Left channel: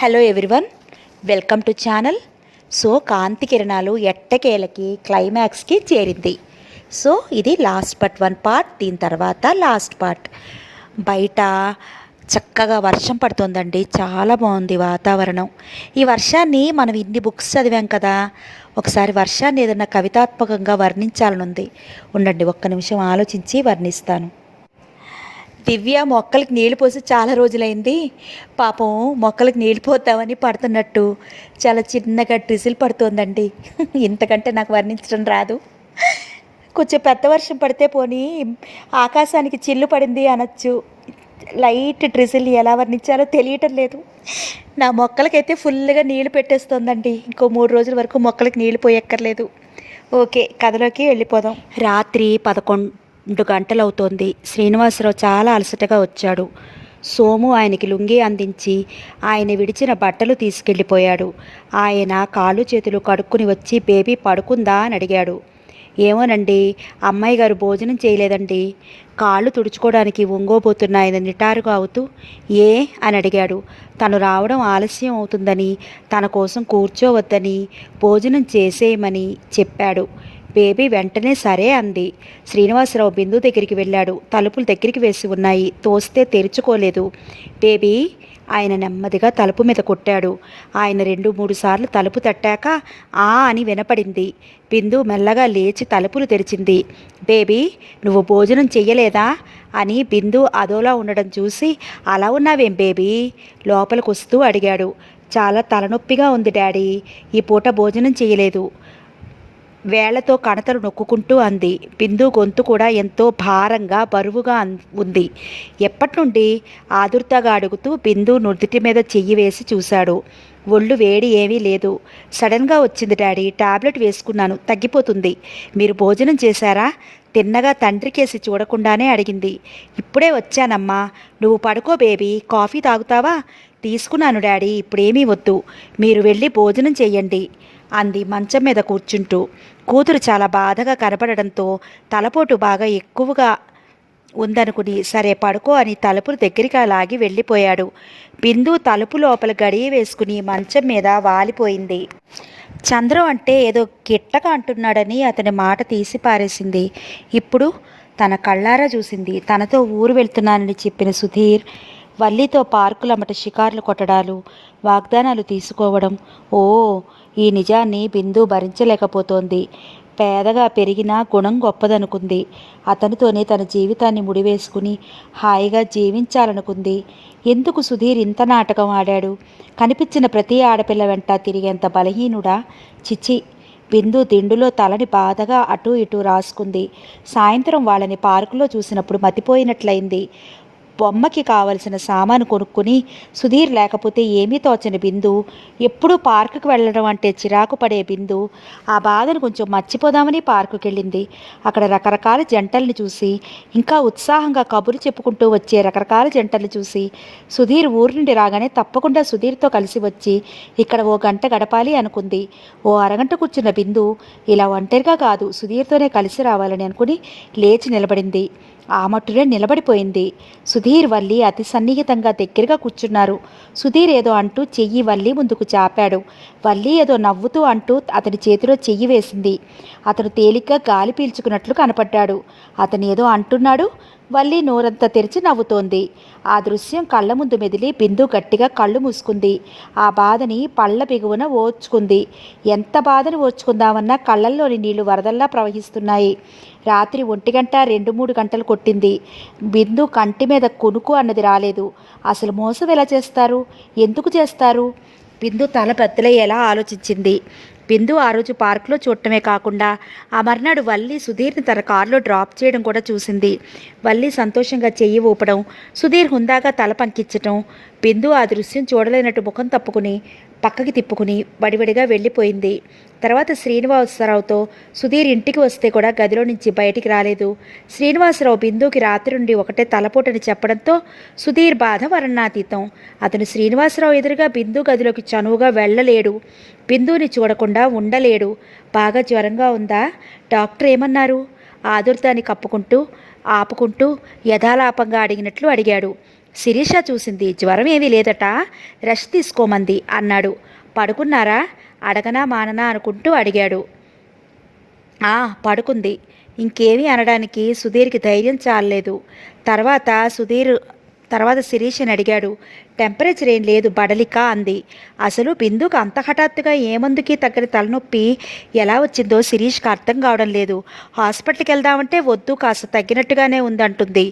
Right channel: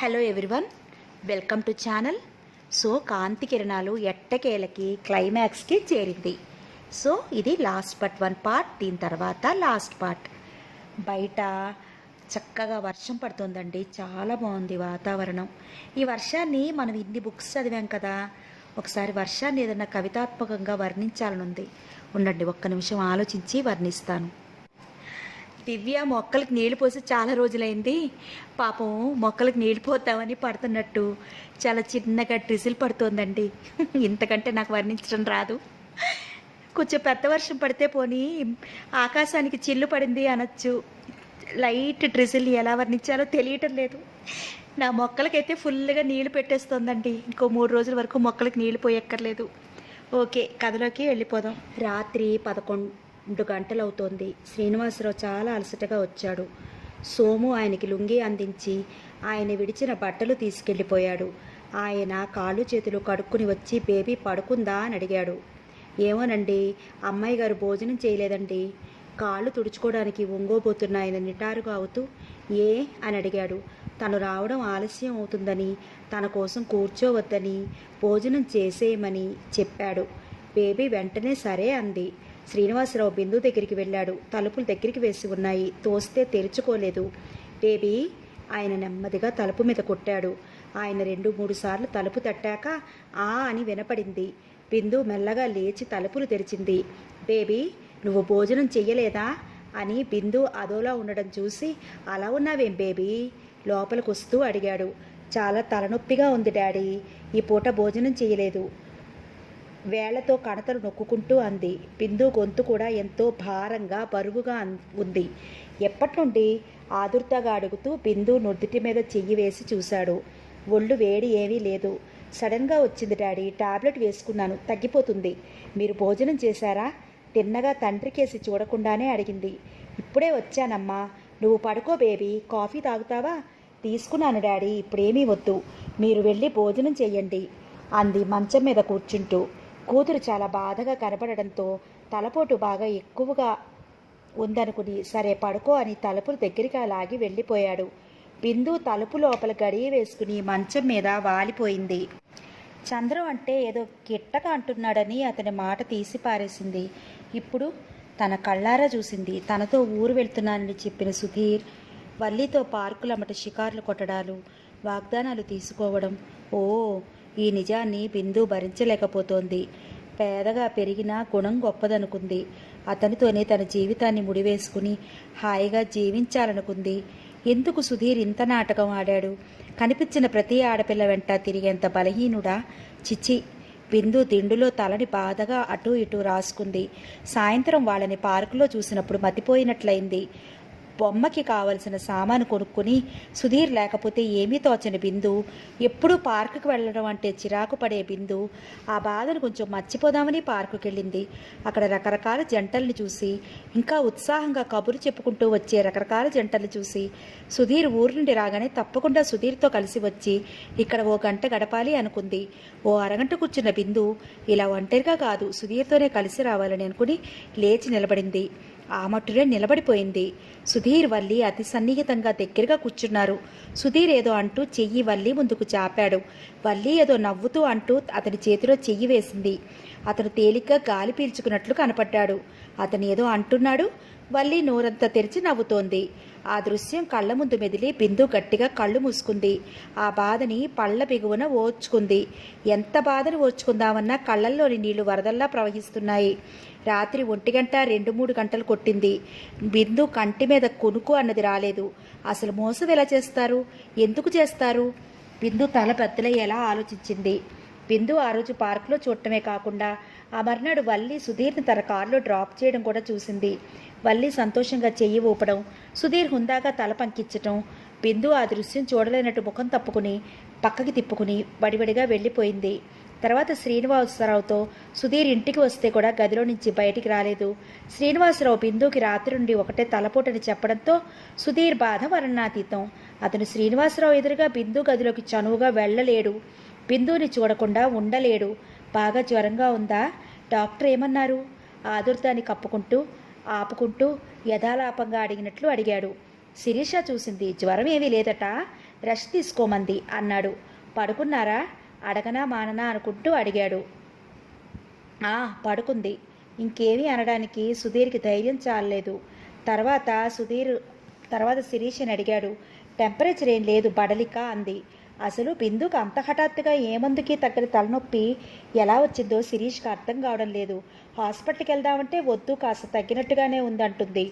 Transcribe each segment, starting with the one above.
Hello everyone, welcome to channel. So కాంతి కిరణాలు ఎట్టకేలకి క్లైమాక్స్కి చేరింది. సో ఇది లాస్ట్ వన్ పార్ట్, దీని తర్వాత లాస్ట్ పార్ట్. బయట చక్కగా వర్షం పడుతుందండి, చాలా బాగుంది వాతావరణం. ఈ వర్షాన్ని మనం ఇన్ని బుక్స్ చదివాం కదా, ఒకసారి వర్షాన్ని ఏదైనా కవితాత్మకంగా వర్ణించాలనుంది. ఉండండి, ఒక్క నిమిషం ఆలోచించి వర్ణిస్తాను. దివ్య మొక్కలకి నీళ్ళు పోసి చాలా రోజులైంది. పాపం మొక్కలకి నీళ్ళు పోద్దామని పడుతున్నట్టు చాలా చిన్నగా డ్రిజిల్ పడుతోందండి. ఇంతకంటే నాకు వర్ణించడం రాదు. కొంచెం పెద్ద వర్షం పడితే పోనీ ఆకాశానికి చిల్లు పడింది అనొచ్చు. లైట్ డ్రిజిల్ ఎలా వర్ణించాలో తెలియటం లేదు. నా మొక్కలకైతే ఫుల్గా నీళ్లు పెట్టేస్తోందండి. ఇంకో 3 రోజుల వరకు మొక్కలకి నీళ్లు పోయక్కర్లేదు. ఓకే, కథలోకి వెళ్ళిపోదాం. రాత్రి 11 గంటలవుతోంది. శ్రీనివాసరావు చాలా అలసటగా వచ్చాడు. సోము ఆయనకి లుంగీ అందించి ఆయన విడిచిన బట్టలు తీసుకెళ్ళిపోయాడు. ఆయన కాళ్ళు చేతులు కడుక్కుని వచ్చి బేబీ పడుకుందా అని అడిగాడు. ఏమోనండి, అమ్మాయి గారు భోజనం చేయలేదండి, కాళ్ళు తుడుచుకోవడానికి ఒంగోబోతున్నాయని నిటారుగా అవుతూ. ఏ అని అడిగాడు. తను రావడం ఆలస్యం అవుతుందని, తన కోసం కూర్చోవద్దని, భోజనం చేసేయమని చెప్పాడు. బేబీ వెంటనే సరే అంది. శ్రీనివాసరావు బిందు దగ్గరికి వెళ్ళాడు. తలుపులు దగ్గరికి వేసి ఉన్నాయి, తోస్తే తెరుచుకోలేదు. బేబీ, ఆయన నెమ్మదిగా తలుపు మీద కొట్టాడు. ఆయన 2-3 సార్లు తలుపు తట్టాక ఆ అని వినపడింది. బిందు మెల్లగా లేచి తలుపులు తెరిచింది. బేబీ, నువ్వు భోజనం చెయ్యలేదా అని బిందు అదోలా ఉండడం చూసి, అలా ఉన్నావేం బేబీ లోపలికి వస్తూ అడిగాడు. చాలా తలనొప్పిగా ఉంది డాడీ, ఈ పూట భోజనం చేయలేదు, వేళ్లతో కణతలు నొక్కుంటూ అంది. బిందు గొంతు కూడా ఎంతో భారంగా బరువుగా ఉంది. ఎప్పటి నుండి ఆదుర్తగా అడుగుతూ బిందు నుదుటి మీద చెయ్యి వేసి చూశాడు. ఒళ్ళు వేడి ఏమీ లేదు. సడన్గా వచ్చింది డాడీ, టాబ్లెట్ వేసుకున్నాను, తగ్గిపోతుంది. మీరు భోజనం చేశారా? తిన్నగా తండ్రికేసి చూడకుండానే అడిగింది. ఇప్పుడే వచ్చానమ్మా, నువ్వు పడుకో బేబీ, కాఫీ తాగుతావా? తీసుకున్నాను డాడీ, ఇప్పుడేమీ వద్దు, మీరు వెళ్ళి భోజనం చెయ్యండి అంది మంచం మీద కూర్చుంటూ. కూతురు చాలా బాధగా కనపడడంతో తలపోటు బాగా ఎక్కువగా ఉందనుకుని సరే పడుకో అని తలుపులు దగ్గరికి లాగి వెళ్ళిపోయాడు. బిందు తలుపు లోపల గడియ వేసుకుని మంచం మీద వాలిపోయింది. చంద్రం అంటే ఏదో గిట్టగా అంటున్నాడని అతని మాట తీసి పారేసింది. ఇప్పుడు తన కళ్ళారా చూసింది. తనతో ఊరు వెళ్తున్నానని చెప్పిన సుధీర్ వల్లితో పార్కులమ్మట షికార్లు కొట్టడాలు, వాగ్దానాలు తీసుకోవడం. ఓ, ఈ నిజాన్ని బిందు భరించలేకపోతోంది. పేదగా పెరిగినా గుణం గొప్పదనుకుంది. అతనితోనే తన జీవితాన్ని ముడివేసుకుని హాయిగా జీవించాలనుకుంది. ఎందుకు సుధీర్ ఇంత నాటకం ఆడాడు? కనిపించిన ప్రతి ఆడపిల్ల వెంట తిరిగేంత బలహీనుడా? చిచ్చి. బిందు దిండులో తలని బాధగా అటూ ఇటూ రాసుకుంది. సాయంత్రం వాళ్ళని పార్కులో చూసినప్పుడు మతిపోయినట్లయింది. బొమ్మకి కావలసిన సామాను కొనుక్కుని సుధీర్ లేకపోతే ఏమీ తోచని బిందు, ఎప్పుడూ పార్కుకి వెళ్ళడం అంటే చిరాకు పడే బిందు ఆ బాధను కొంచెం మర్చిపోదామని పార్కుకి వెళ్ళింది. అక్కడ రకరకాల జంటల్ని చూసి, ఇంకా ఉత్సాహంగా కబుర్లు చెప్పుకుంటూ వచ్చే రకరకాల జంటల్ని చూసి, సుధీర్ ఊరి నుండి రాగానే తప్పకుండా సుధీర్తో కలిసి వచ్చి ఇక్కడ ఓ గంట గడపాలి అనుకుంది. ఓ అరగంట కూర్చున్న బిందు ఇలా ఒంటరిగా కాదు, సుధీర్తోనే కలిసి రావాలని అనుకుని లేచి నిలబడింది. ఆ మట్టునే నిలబడిపోయింది. సుధీర్ వల్లి అతి సన్నిహితంగా దగ్గరగా కూర్చున్నారు. సుధీర్ ఏదో అంటూ చెయ్యి వల్లి ముందుకు చాపాడు. వల్లి ఏదో నవ్వుతూ అంటూ అతని చేతిలో చెయ్యి వేసింది. అతను తేలిగ్గా గాలి పీల్చుకున్నట్లు కనపడ్డాడు. అతను ఏదో అంటున్నాడు. వల్లి నోరంతా తెరిచి నవ్వుతోంది. ఆ దృశ్యం కళ్ళ ముందు మెదిలి బిందు గట్టిగా కళ్ళు మూసుకుంది. ఆ బాధని పళ్ళ బిగువున ఓర్చుకుంది. ఎంత బాధను ఓర్చుకుందామన్నా కళ్ళల్లోని నీళ్లు వరదల్లా ప్రవహిస్తున్నాయి. రాత్రి 1 గంట 2-3 గంటలు కొట్టింది. బిందు కంటి మీద కునుకు అన్నది రాలేదు. అసలు మోసం ఎలా చేస్తారు? ఎందుకు చేస్తారు? బిందు తల బద్దలయ్యేలా ఆలోచించింది. బిందు ఆ రోజు పార్కులో చూడటమే కాకుండా ఆ మర్నాడు వల్లి సుధీర్ని తన కారులో డ్రాప్ చేయడం కూడా చూసింది. వల్లి సంతోషంగా చెయ్యి ఊపడం, సుధీర్ హుందాగా తల పంకించటం. బిందు ఆ దృశ్యం చూడలేనట్టు ముఖం తప్పుకుని పక్కకి తిప్పుకుని వడివడిగా వెళ్ళిపోయింది. తర్వాత శ్రీనివాసరావుతో సుధీర్ ఇంటికి వస్తే కూడా గదిలో నుంచి బయటికి రాలేదు. శ్రీనివాసరావు బిందుకి రాత్రి నుండి ఒకటే తలపోటని చెప్పడంతో సుధీర్ బాధ వర్ణనాతీతం. అతను శ్రీనివాసరావు ఎదురుగా బిందు గదిలోకి చనువుగా వెళ్ళలేడు. బిందుని చూడకుండా ఉండలేడు. బాగా జ్వరంగా ఉందా? డాక్టర్ ఏమన్నారు? ఆదుర్దాన్ని ఆపుకుంటూ యథాలాపంగా అడిగినట్లు అడిగాడు. శిరీష చూసింది. జ్వరం ఏమీ లేదట, రెస్ట్ తీసుకోమంది అన్నాడు. పడుకున్నారా అడగనా మాననా అనుకుంటూ అడిగాడు. ఆ పడుకుంది. ఇంకేమీ అనడానికి సుధీర్కి ధైర్యం చాలలేదు. తర్వాత తర్వాత శిరీషని అడిగాడు. టెంపరేచర్ ఏం లేదు బడలిక అంది. అసలు బిందుకు అంత హఠాత్తుగా ఏమందుకి తగ్గని తలనొప్పి ఎలా వచ్చిందో శిరీష్కి అర్థం కావడం లేదు. హాస్పిటల్కి వెళ్దామంటే వద్దు, కాస్త తగ్గినట్టుగానే ఉందంటుంది.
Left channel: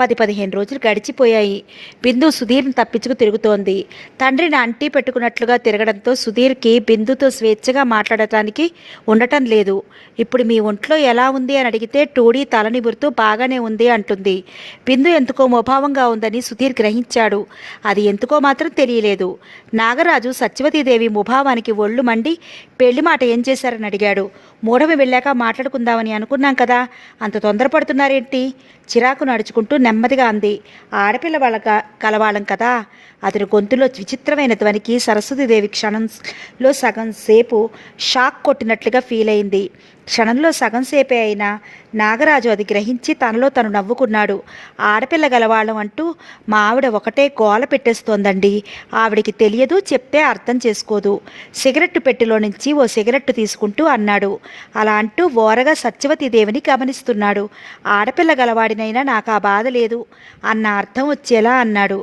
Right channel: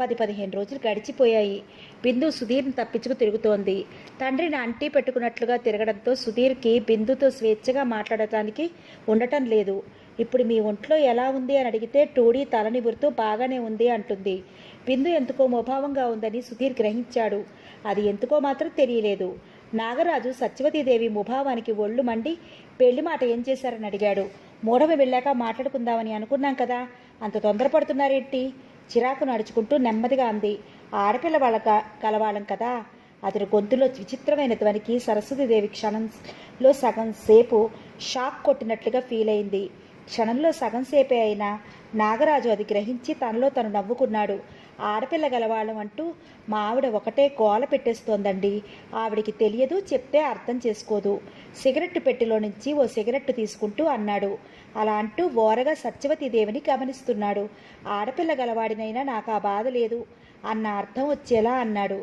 10-15 రోజులు గడిచిపోయాయి. బిందు సుధీర్ని తప్పించుకు తిరుగుతోంది. తండ్రిని అంటీ పెట్టుకున్నట్లుగా తిరగడంతో సుధీర్కి బిందుతో స్వేచ్ఛగా మాట్లాడటానికి ఉండటం లేదు. ఇప్పుడు మీ ఒంట్లో ఎలా ఉంది అని అడిగితే టూడీ తల నిమురుతూ బాగానే ఉంది అంటుంది. బిందు ఎందుకో ముభావంగా ఉందని సుధీర్ గ్రహించాడు. అది ఎందుకో మాత్రం తెలియలేదు. నాగరాజు సత్యవతీదేవి ముభావానికి ఒళ్ళు మండి పెళ్లి మాట ఏం చేశారని అడిగాడు. మూఢమి వెళ్ళాక మాట్లాడుకుందామని అనుకున్నాం కదా, అంత తొందరపడుతున్నారేంటి? చిరాకు నడుచుకుంటూ నెమ్మదిగా అంది. ఆడపిల్ల కలవాళ్ళం కదా. అతని గొంతులో విచిత్రమైన ధ్వనికి సరస్వతీదేవి క్షణంలో సగం సేపు షాక్ కొట్టినట్లుగా ఫీల్ అయింది. క్షణంలో సగం సేపే అయినా నాగరాజు అది గ్రహించి తనలో తను నవ్వుకున్నాడు. ఆడపిల్ల గలవాళ్ళం అంటూ మా ఆవిడ ఒకటే గోల పెట్టేస్తోందండి. ఆవిడికి తెలియదు, చెప్తే అర్థం చేసుకోదు. సిగరెట్టు పెట్టెలో నుంచి ఓ సిగరెట్టు తీసుకుంటూ అన్నాడు. అలా అంటూ ఓరగా సత్యవతీదేవిని గమనిస్తున్నాడు. ఆడపిల్ల గలవాడినైనా నాకు ఆ బాధ లేదు అన్న అర్థం వచ్చేలా అన్నాడు.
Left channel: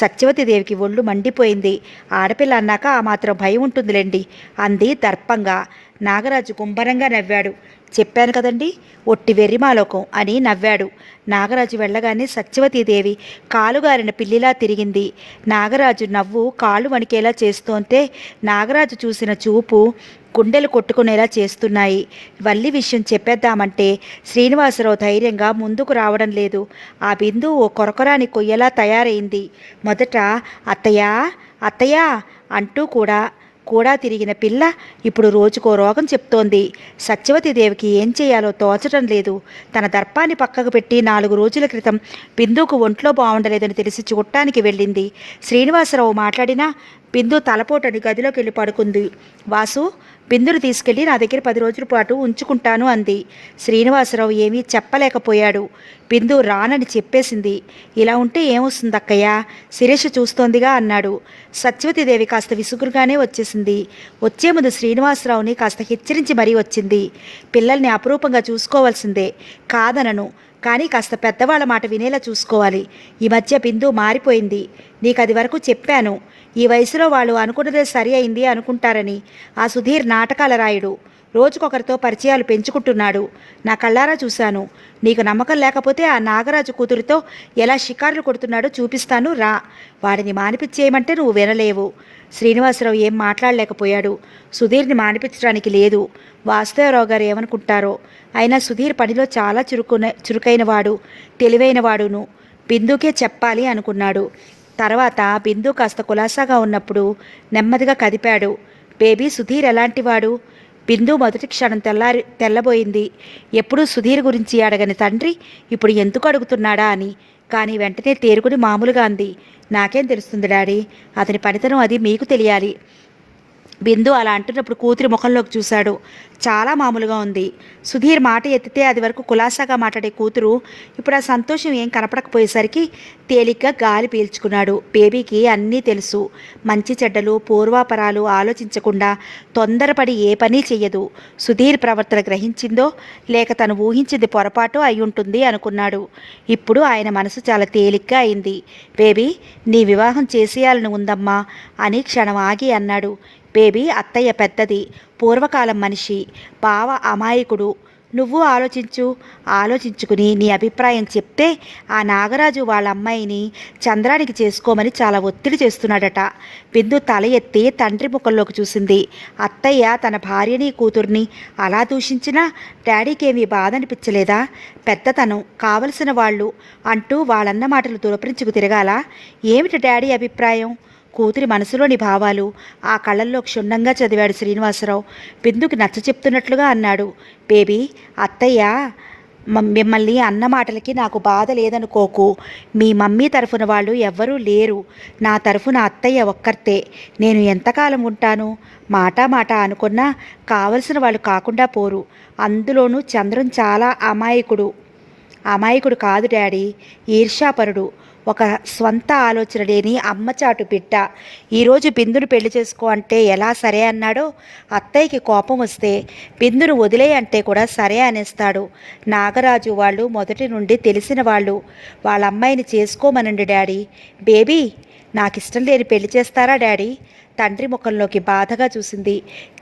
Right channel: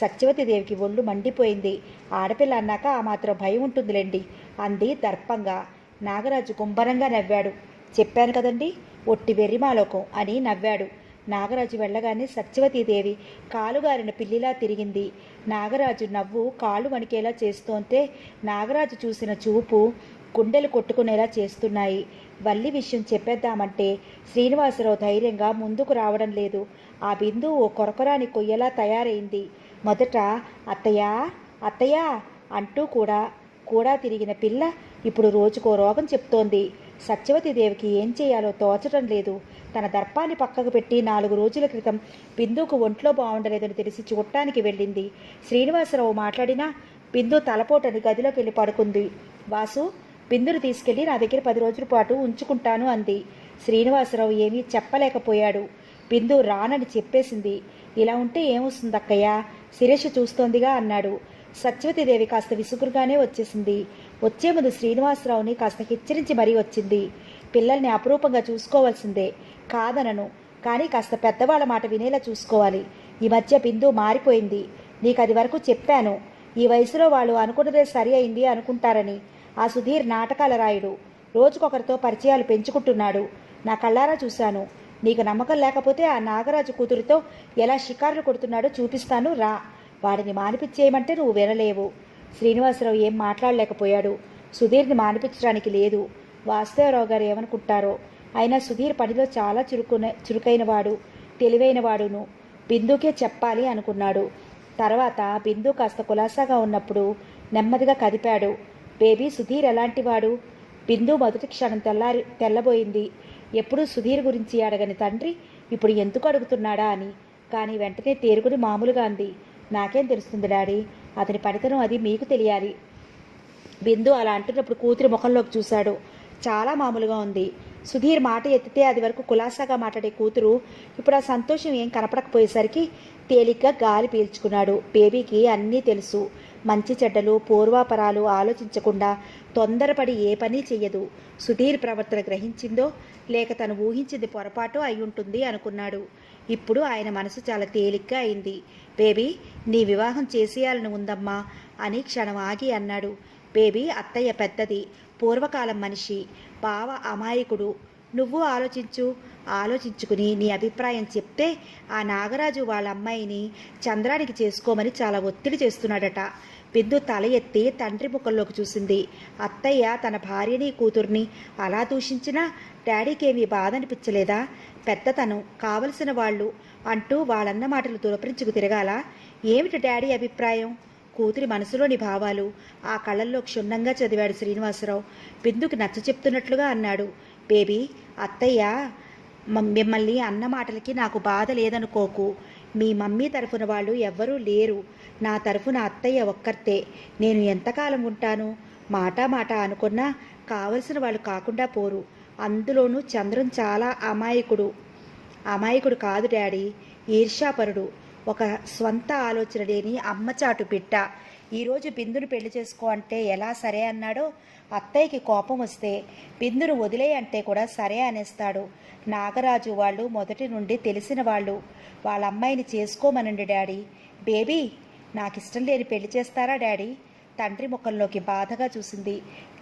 సత్యవతీదేవికి ఒళ్ళు మండిపోయింది. ఆడపిల్ల అన్నాక ఆ మాత్రం భయం ఉంటుందిలేండి అంది దర్పంగా. నాగరాజు గుంభరంగా నవ్వాడు. చెప్పాను కదండి, ఒట్టి వెర్రిమాలోకం అని నవ్వాడు. నాగరాజు వెళ్ళగానే సత్యవతీదేవి కాలుగారిన పిల్లిలా తిరిగింది. నాగరాజు నవ్వు కాళ్ళు వణికేలా చేస్తోంటే నాగరాజు చూసిన చూపు గుండెలు కొట్టుకునేలా చేస్తున్నాయి. వల్లి విషయం చెప్పేద్దామంటే శ్రీనివాసరావు ధైర్యంగా ముందుకు రావడం లేదు. ఆ బిందు ఓ కొరకొరాని కొయ్యలా తయారైంది. మొదట అత్తయ్యా అత్తయ్యా అంటూ కూడా తిరిగిన పిల్ల ఇప్పుడు రోజుకో రోగం చెప్తోంది. సత్యవతీదేవికి ఏం చేయాలో తోచడం లేదు. తన దర్పాన్ని పక్కకు పెట్టి 4 రోజుల క్రితం బిందుకు ఒంట్లో బాగుండలేదని తెలిసి చూడటానికి వెళ్ళింది. శ్రీనివాసరావు మాట్లాడినా బిందు తలపోటని గదిలోకి వెళ్ళి పడుకుంది. వాసు, బిందును తీసుకెళ్ళి నా దగ్గర 10 రోజుల పాటు ఉంచుకుంటాను అంది. శ్రీనివాసరావు ఏమీ చెప్పలేకపోయాడు. బిందు రానని చెప్పేసింది. ఇలా ఉంటే ఏమొస్తుంది అక్కయ్య, శిరీష చూస్తోందిగా అన్నాడు. సత్యవతీదేవి కాస్త విసుగురుగానే వచ్చేసింది. వచ్చే ముందు శ్రీనివాసరావుని కాస్త హెచ్చరించి మరీ వచ్చింది. పిల్లల్ని అపురూపంగా చూసుకోవాల్సిందే, కాదనను, కానీ కాస్త పెద్దవాళ్ళ మాట వినేలా చూసుకోవాలి. ఈ మధ్య బిందు మారిపోయింది. నీకు అది వరకు చెప్పాను. ఈ వయసులో వాళ్ళు అనుకున్నదే సరి అయింది అనుకుంటారని. ఆ సుధీర్ నాటకాల రాయుడు. రోజుకొకరితో పరిచయాలు పెంచుకుంటున్నాడు. నా కళ్ళారా చూశాను. నీకు నమ్మకం లేకపోతే ఆ నాగరాజు కూతురితో ఎలా షికారులు కొడుతున్నాడో చూపిస్తాను రా. వాడిని మానిపించేయమంటే నువ్వు వినలేవు. శ్రీనివాసరావు ఏం మాట్లాడలేకపోయాడు. సుధీర్ని మానిపించడానికి లేదు. వాసుదేవరావు గారు ఏమనుకుంటారో. అయినా సుధీర్ పనిలో చాలా చురుకైనవాడు, తెలివైనవాడును. బిందుకే చెప్పాలి అనుకున్నాడు. తర్వాత బిందు కాస్త కులాసాగా ఉన్నప్పుడు నెమ్మదిగా కదిపాడు. బేబీ, సుధీర్ ఎలాంటివాడు? బిందు మొదటి క్షణం తెల్లబోయింది. ఎప్పుడూ సుధీర్ గురించి అడగని తండ్రి ఇప్పుడు ఎందుకు అడుగుతున్నాడా అని. కానీ వెంటనే తేరుకుని మామూలుగా అంది. నాకేం తెలుస్తుంది డాడీ, అతని పనితనం అది మీకు తెలియాలి. బిందు అలా అంటున్నప్పుడు కూతురి ముఖంలోకి చూశాడు. చాలా మామూలుగా ఉంది. సుధీర్ మాట ఎత్తితే అది వరకు కులాసాగా మాట్లాడే కూతురు ఇప్పుడు ఆ సంతోషం ఏం కనపడకపోయేసరికి తేలిగ్గా గాలి పీల్చుకున్నాడు. బేబీకి అన్నీ తెలుసు. మంచి చెడ్డలు పూర్వాపరాలు ఆలోచించకుండా తొందరపడి ఏ పని చెయ్యదు. సుధీర్ ప్రవర్తన గ్రహించిందో లేక తను ఊహించింది పొరపాటు అయి ఉంటుంది అనుకున్నాడు. ఇప్పుడు ఆయన మనసు చాలా తేలిగ్గా అయింది. బేబీ, నీ వివాహం చేసేయాలని ఉందమ్మా అని క్షణం ఆగి అన్నాడు. బేబీ, అత్తయ్య పెద్దది, పూర్వకాలం మనిషి, బావ అమాయకుడు. నువ్వు ఆలోచించుకుని నీ అభిప్రాయం చెప్తే ఆ నాగరాజు వాళ్ళ అమ్మాయిని చంద్రానికి చేసుకోమని చాలా ఒత్తిడి చేస్తున్నాడట. బిందు తల ఎత్తి తండ్రి ముఖంలోకి చూసింది. అత్తయ్య తన భార్యని కూతుర్ని అలా దూషించినా డాడీకేమీ బాధ అనిపించలేదా? పెద్దతనం, కావలసిన వాళ్ళు అంటూ వాళ్ళన్న మాటలు దురపరించుకు తిరగాల. ఏమిటి డాడీ అభిప్రాయం? కూతురి మనసులోని భావాలు ఆ కళ్ళల్లో క్షుణ్ణంగా చదివాడు శ్రీనివాసరావు. బిందుకి నచ్చ చెప్తున్నట్లుగా అన్నాడు. బేబీ, అత్తయ్య మిమ్మల్ని అన్న మాటలకి నాకు బాధ లేదనుకోకు. మీ మమ్మీ తరఫున వాళ్ళు ఎవ్వరూ లేరు. నా తరఫున అత్తయ్య ఒక్కర్తే. నేను ఎంతకాలం ఉంటాను? మాట అనుకున్నా కావలసిన వాళ్ళు కాకుండా పోరు. అందులోనూ చంద్రం చాలా అమాయకుడు కాదు డాడీ, ఈర్ష్యాపరుడు. ఒక స్వంత ఆలోచన లేని అమ్మచాటు బిడ్డ ఈరోజు బిందును పెళ్లి చేసుకో అంటే ఎలా సరే అన్నాడో, అత్తయ్యకి కోపం వస్తే బిందును వదిలే అంటే కూడా సరే అనేస్తాడు. నాగరాజు వాళ్ళు మొదటి నుండి తెలిసిన వాళ్ళు. వాళ్ళ అమ్మాయిని చేసుకోమనండి డాడీ. బేబీ, నాకు ఇష్టం లేని పెళ్లి చేస్తారా డాడీ? తండ్రి ముఖంలోకి బాధగా చూసింది.